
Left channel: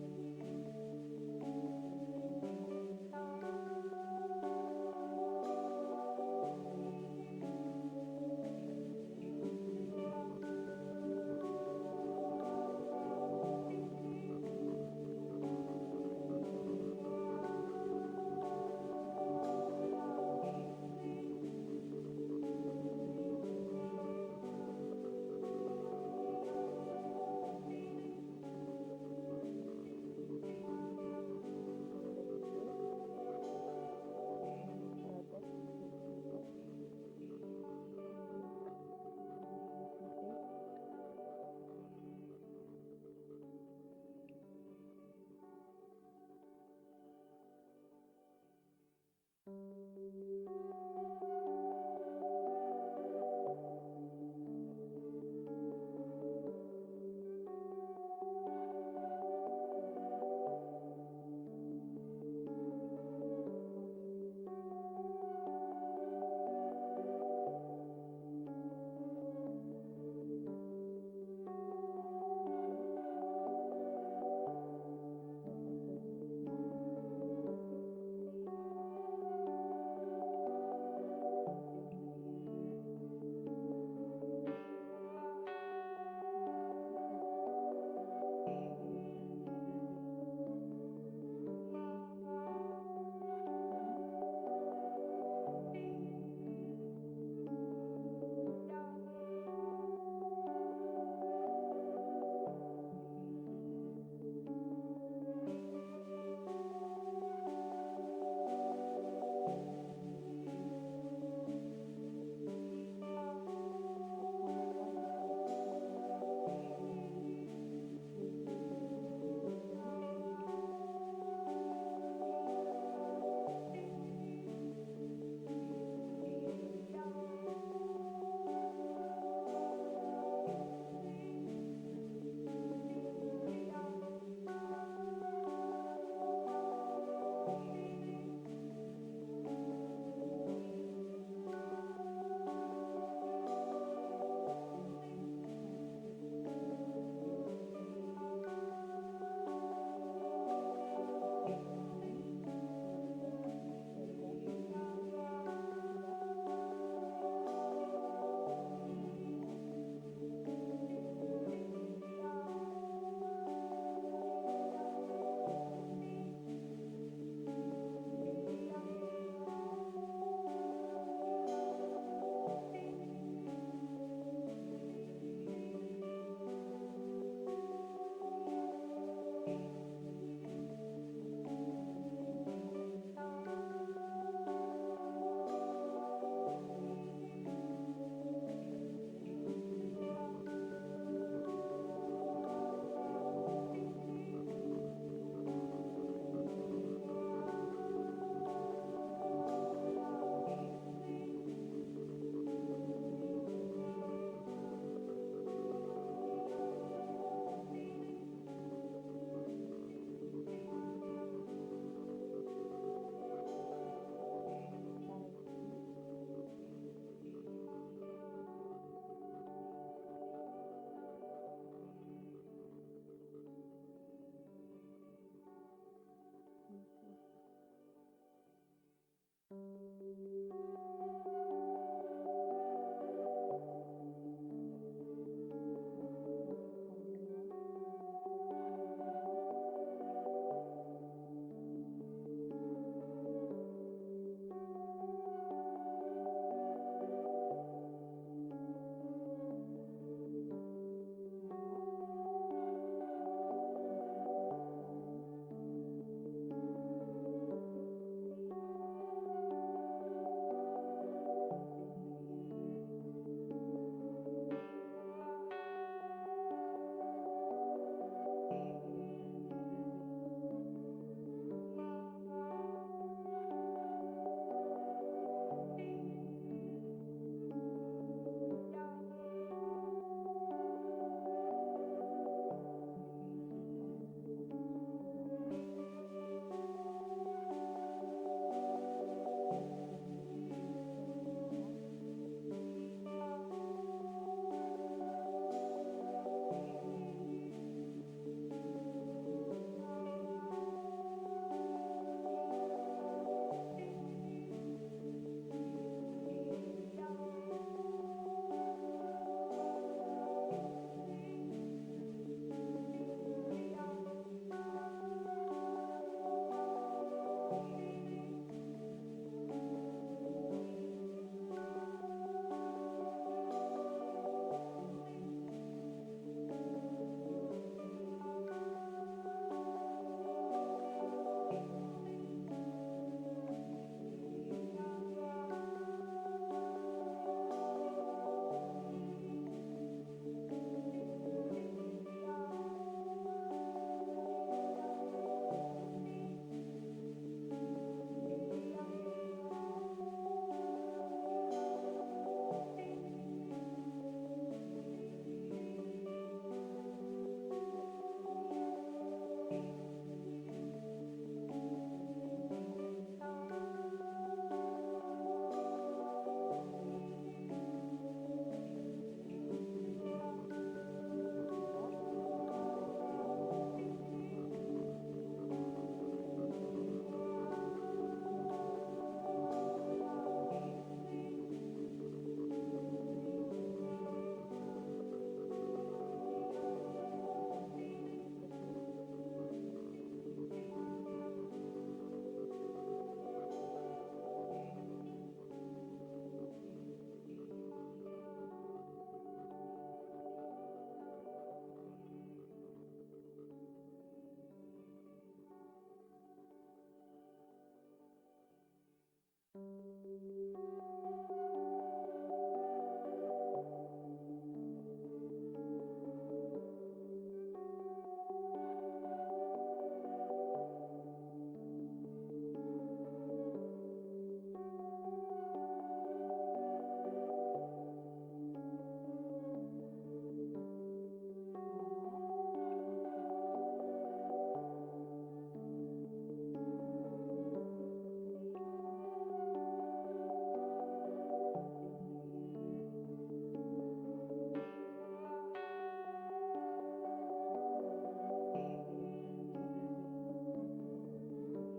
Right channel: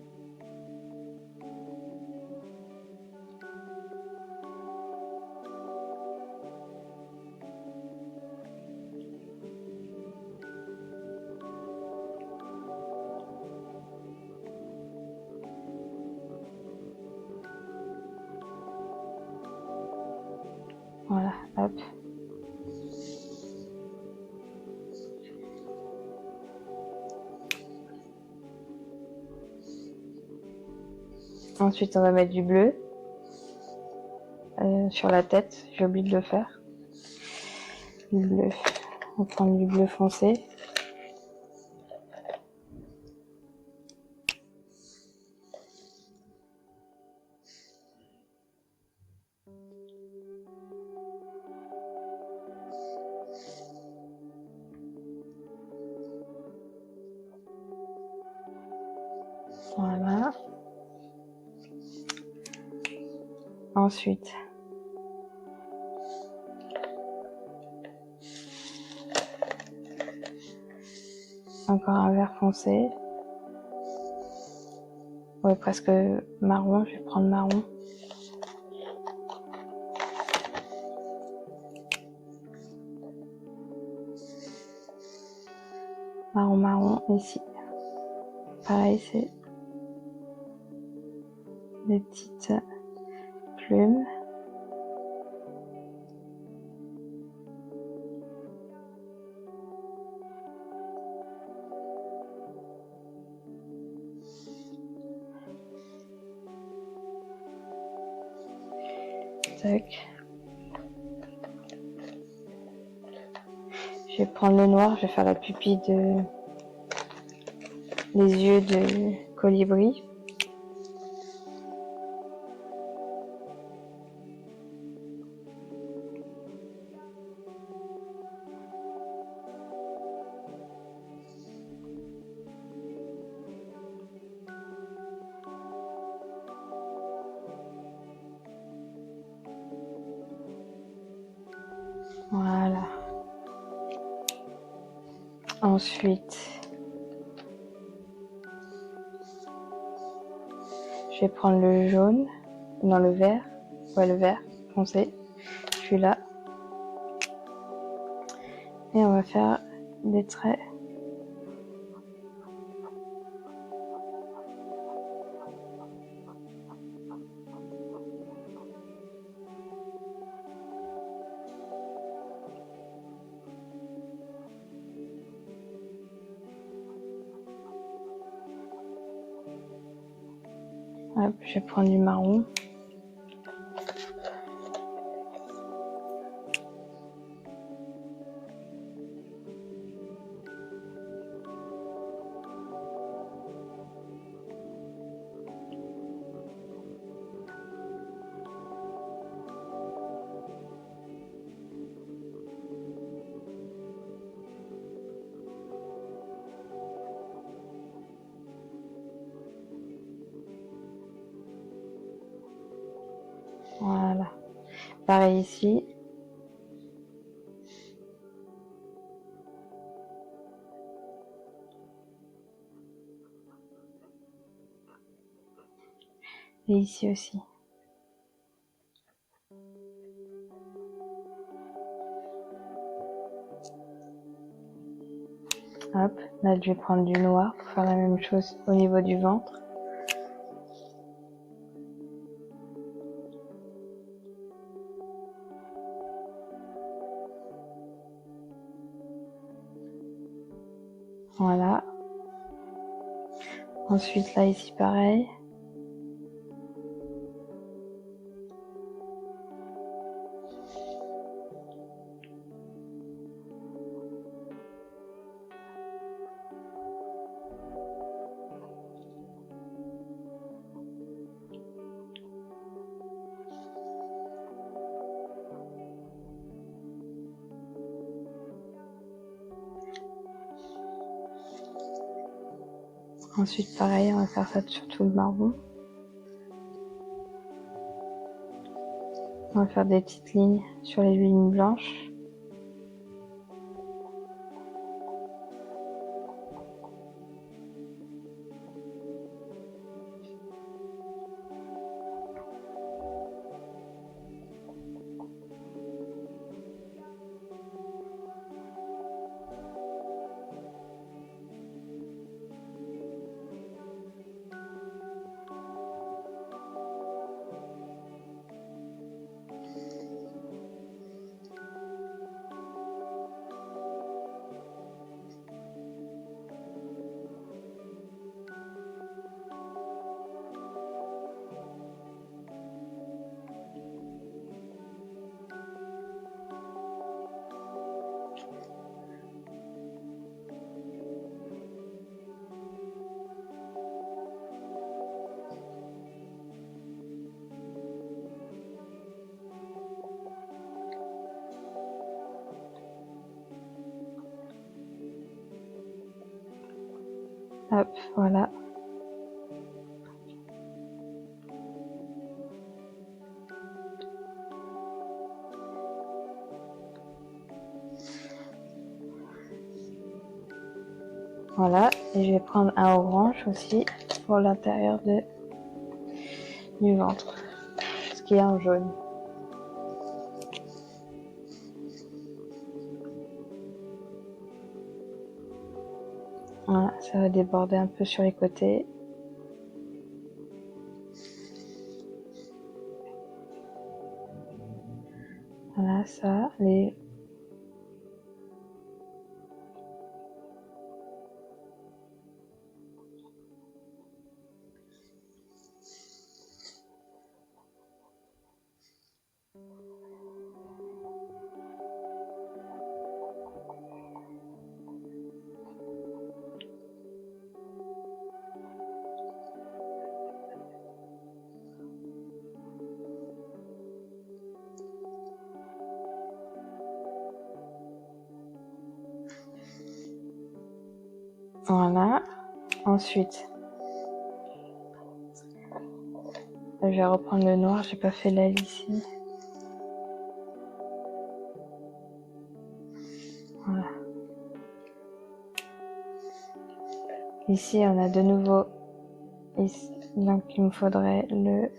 Voilà, hop. Ensuite, on va mettre du bleu sur la tête. J'ai oublié de le faire. Du bleu. On va prendre du bleu foncé. Voilà. Ensuite, encore un vert foncé. Ouais, presque marron. Je vais prendre marron. Marron ici. Pareil, c'est des petites plumes. Tac. Je vais prendre le noir, je vais faire la pupille les yeux de colibri. Voilà. Ensuite, je vais prendre le jaune, non le vert, ouais le vert foncé, je suis là. Et on va faire des traits. Hop, je vais prendre du marron. Voilà. Pareil ici. Et ici aussi. Hop, là je vais prendre du noir pour faire la même chose au niveau du ventre. Voilà. Ensuite là ici pareil. Ensuite pareil, on va faire ça sur tout le marron. On va faire des petites lignes sur les lignes blanches. Hop, voilà. Voilà, et je vais prendre un orange aussi pour l'intérieur du ventre, ce qui est en jaune. Voilà, ça va déborder un peu sur les côtés. Voilà, ça, les... Voilà. Ensuite, je vais reprendre le noir, j'ai pas fait l'aile ici. Voilà. Ici, on a de nouveau, ici, donc il me faudrait le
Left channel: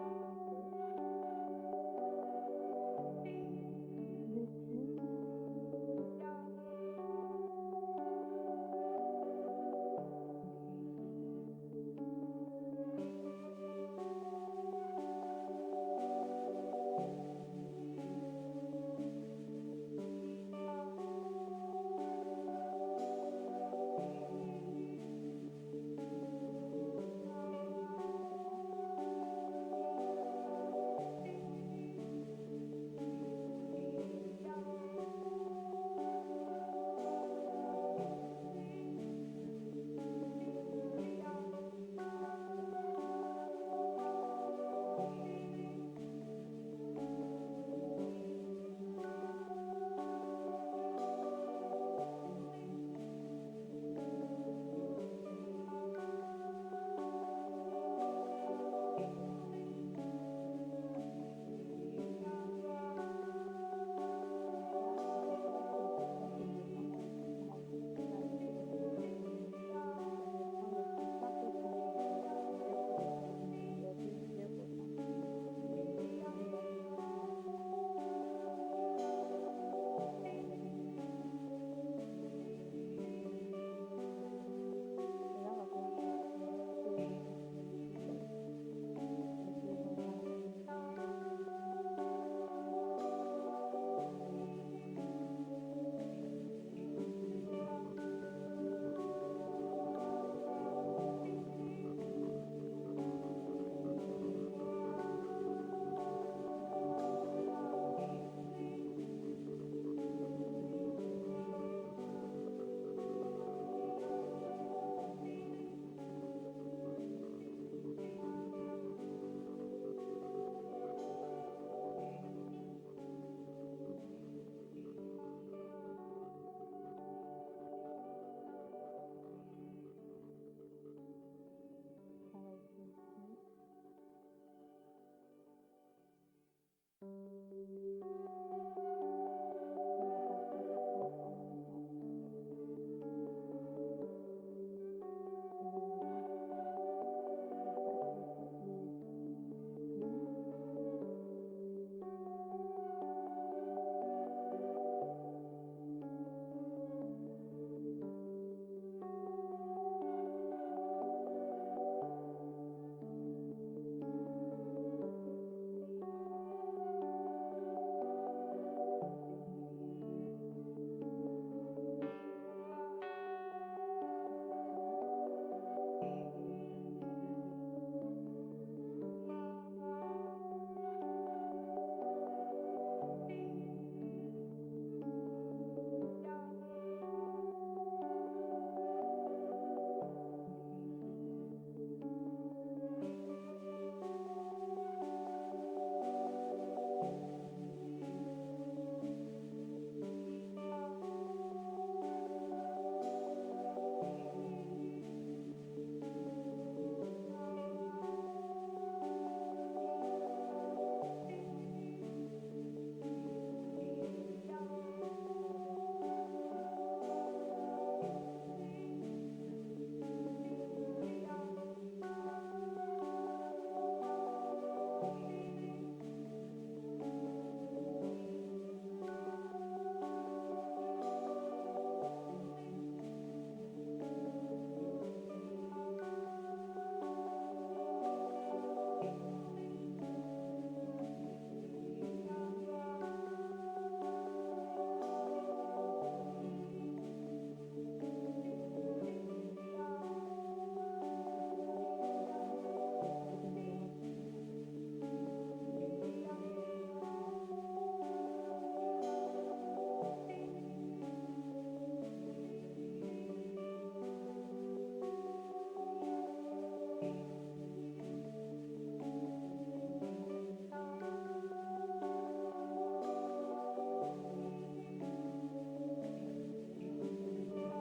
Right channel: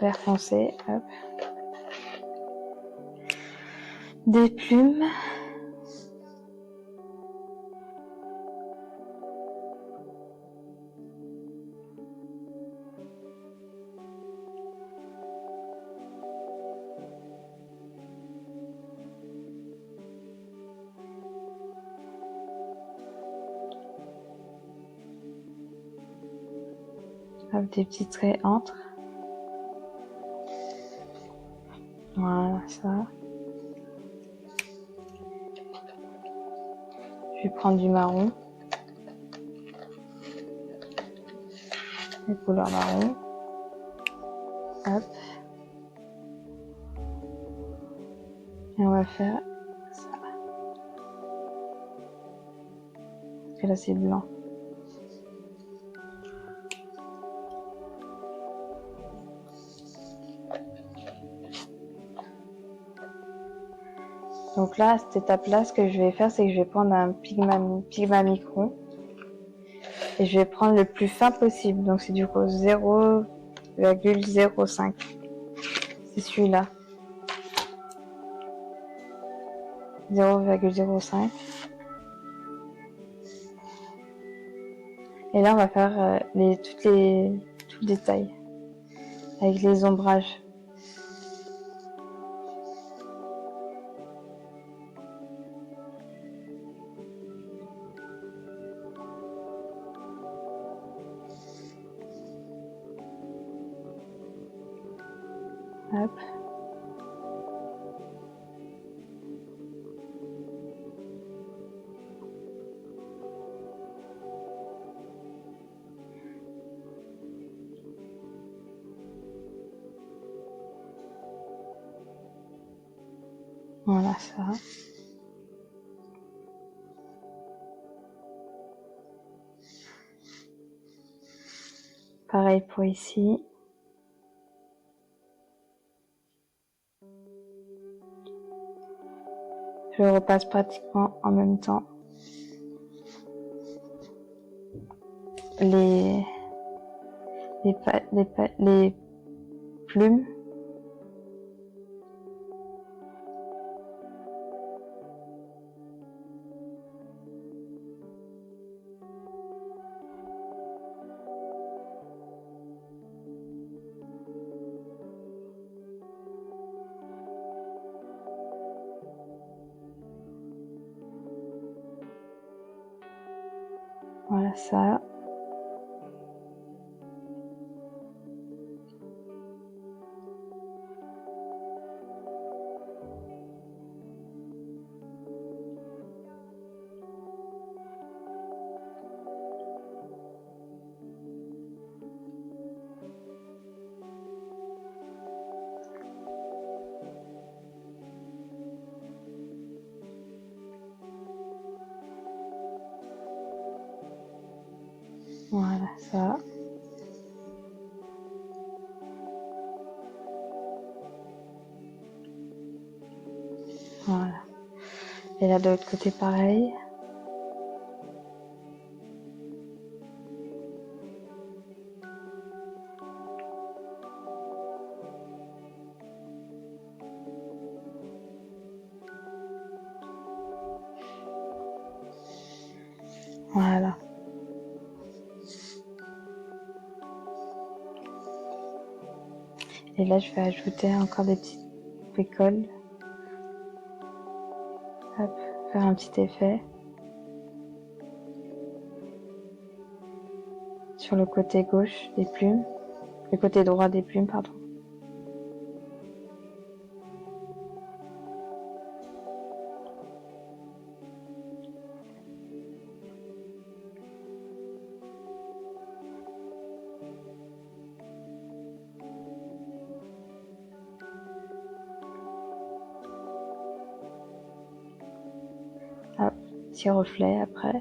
vert foncé. Hop. Des plumes. Hop, des petits traits entre. Voilà, ça. Je vais prendre du marron. Les couleurs marron. Hop. Et on va faire ça. Parce que là, c'est blanc. Donc là, à cette étape-là, ce que je vais faire, c'est que je vais prendre un Pigma Micron et je vais prendre le plus fin possible. Donc c'est du coup 0,1 0,05. C'est celui-là. 0,05. Et là, on va faire tout le détail avec les ombrages. Hop. Voilà ça. Pareil pour ici. Je repasse pratiquement en même temps. Les plumes. Voilà ça. Voilà ça. Voilà. Et là de l'autre côté pareil. Voilà. Et là je vais ajouter encore des petites bricoles. Hop, faire un petit effet. Sur le côté gauche des plumes. Le côté droit des plumes, pardon. Hop, petit reflet après.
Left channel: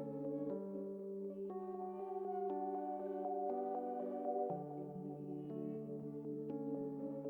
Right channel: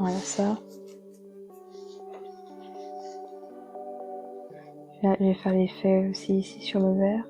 Voilà ça. Je vais faire l'effet aussi ici sur le verre.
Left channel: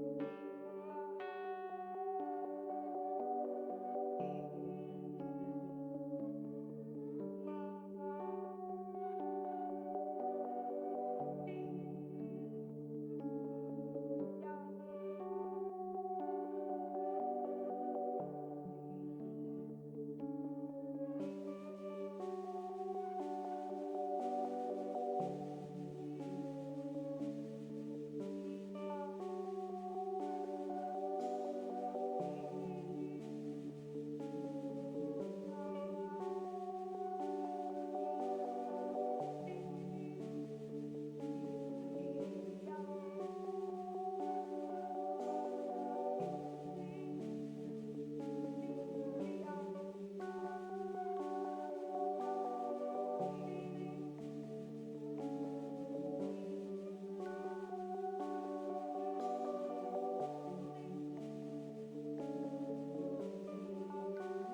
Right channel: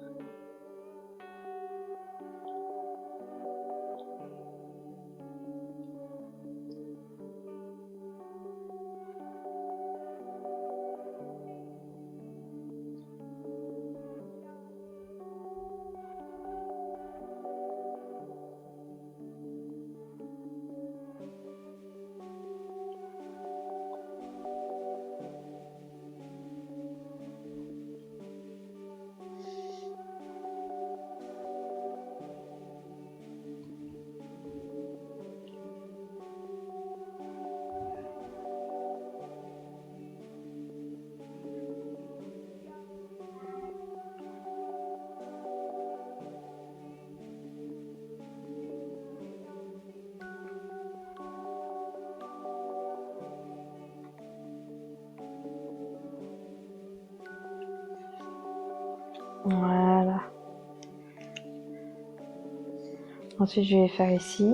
Voilà. Ensuite, je vais faire ici.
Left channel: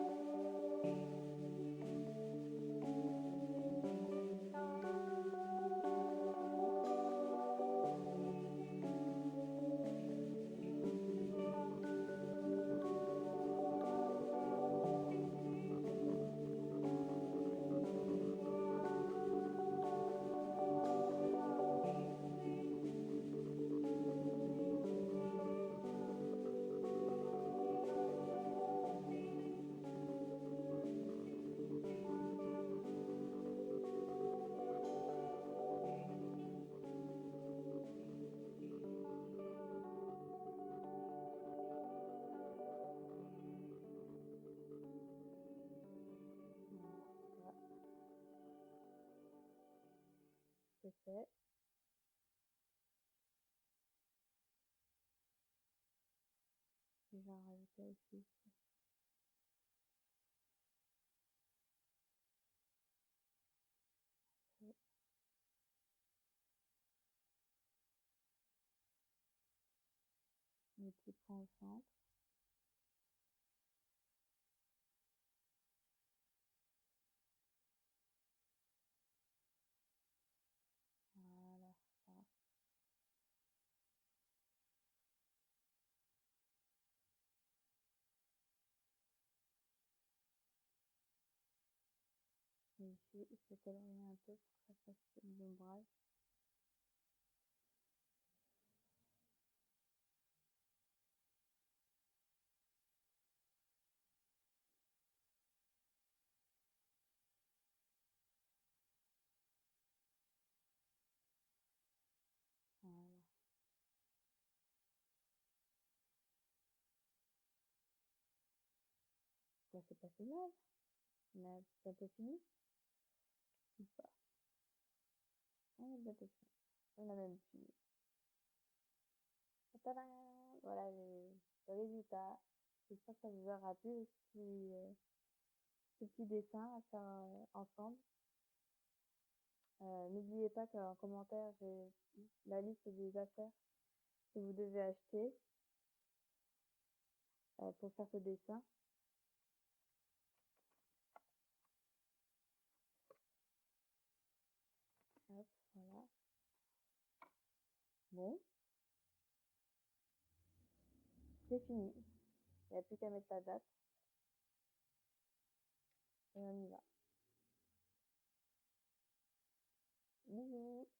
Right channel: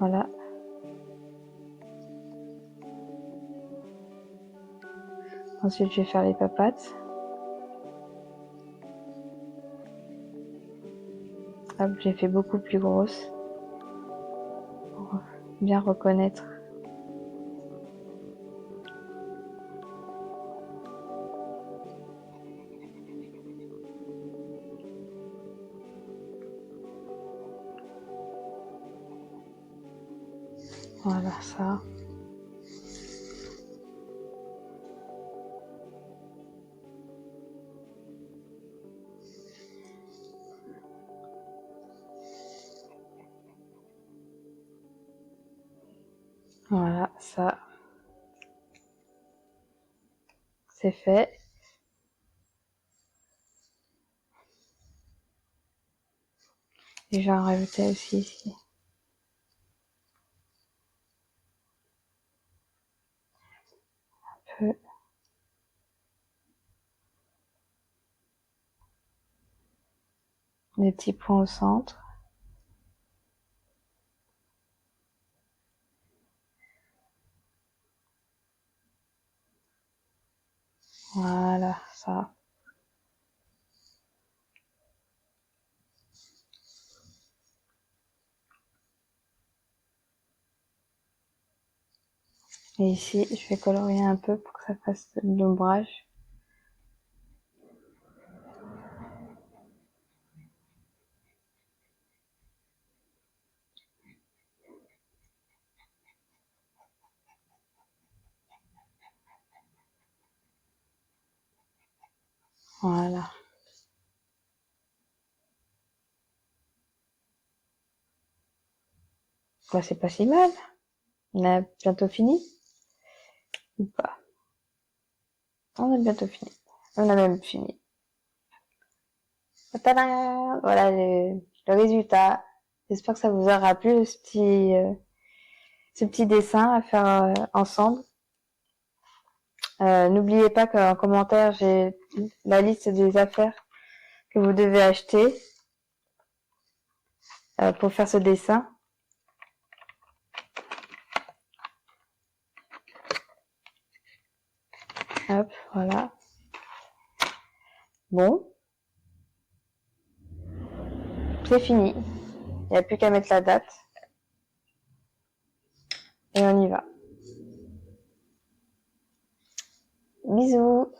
Voilà. Ensuite, je vais faire les papates. Hop, j'ai fait beaucoup plus grosse pour bien reconnaître. Voilà, ça. Voilà, ça. C'est fait. Et je vais en rajouter aussi ici. Un peu. Des petits points au centre. Voilà, ça. Et ici, je vais colorier un peu pour que ça fasse de l'ombrage. Voilà. Bah, c'est pas si mal. On a bientôt fini. Ou pas? On a bientôt fini. On a même fini. Tadam! Voilà le résultat. J'espère que ça vous aura plu, ce petit dessin à faire ensemble. N'oubliez pas qu'en commentaire, j'ai la liste des affaires que vous devez acheter pour faire ce dessin. Hop, voilà. Bon. C'est fini. Il n'y a plus qu'à mettre la date. Et on y va. Bisous.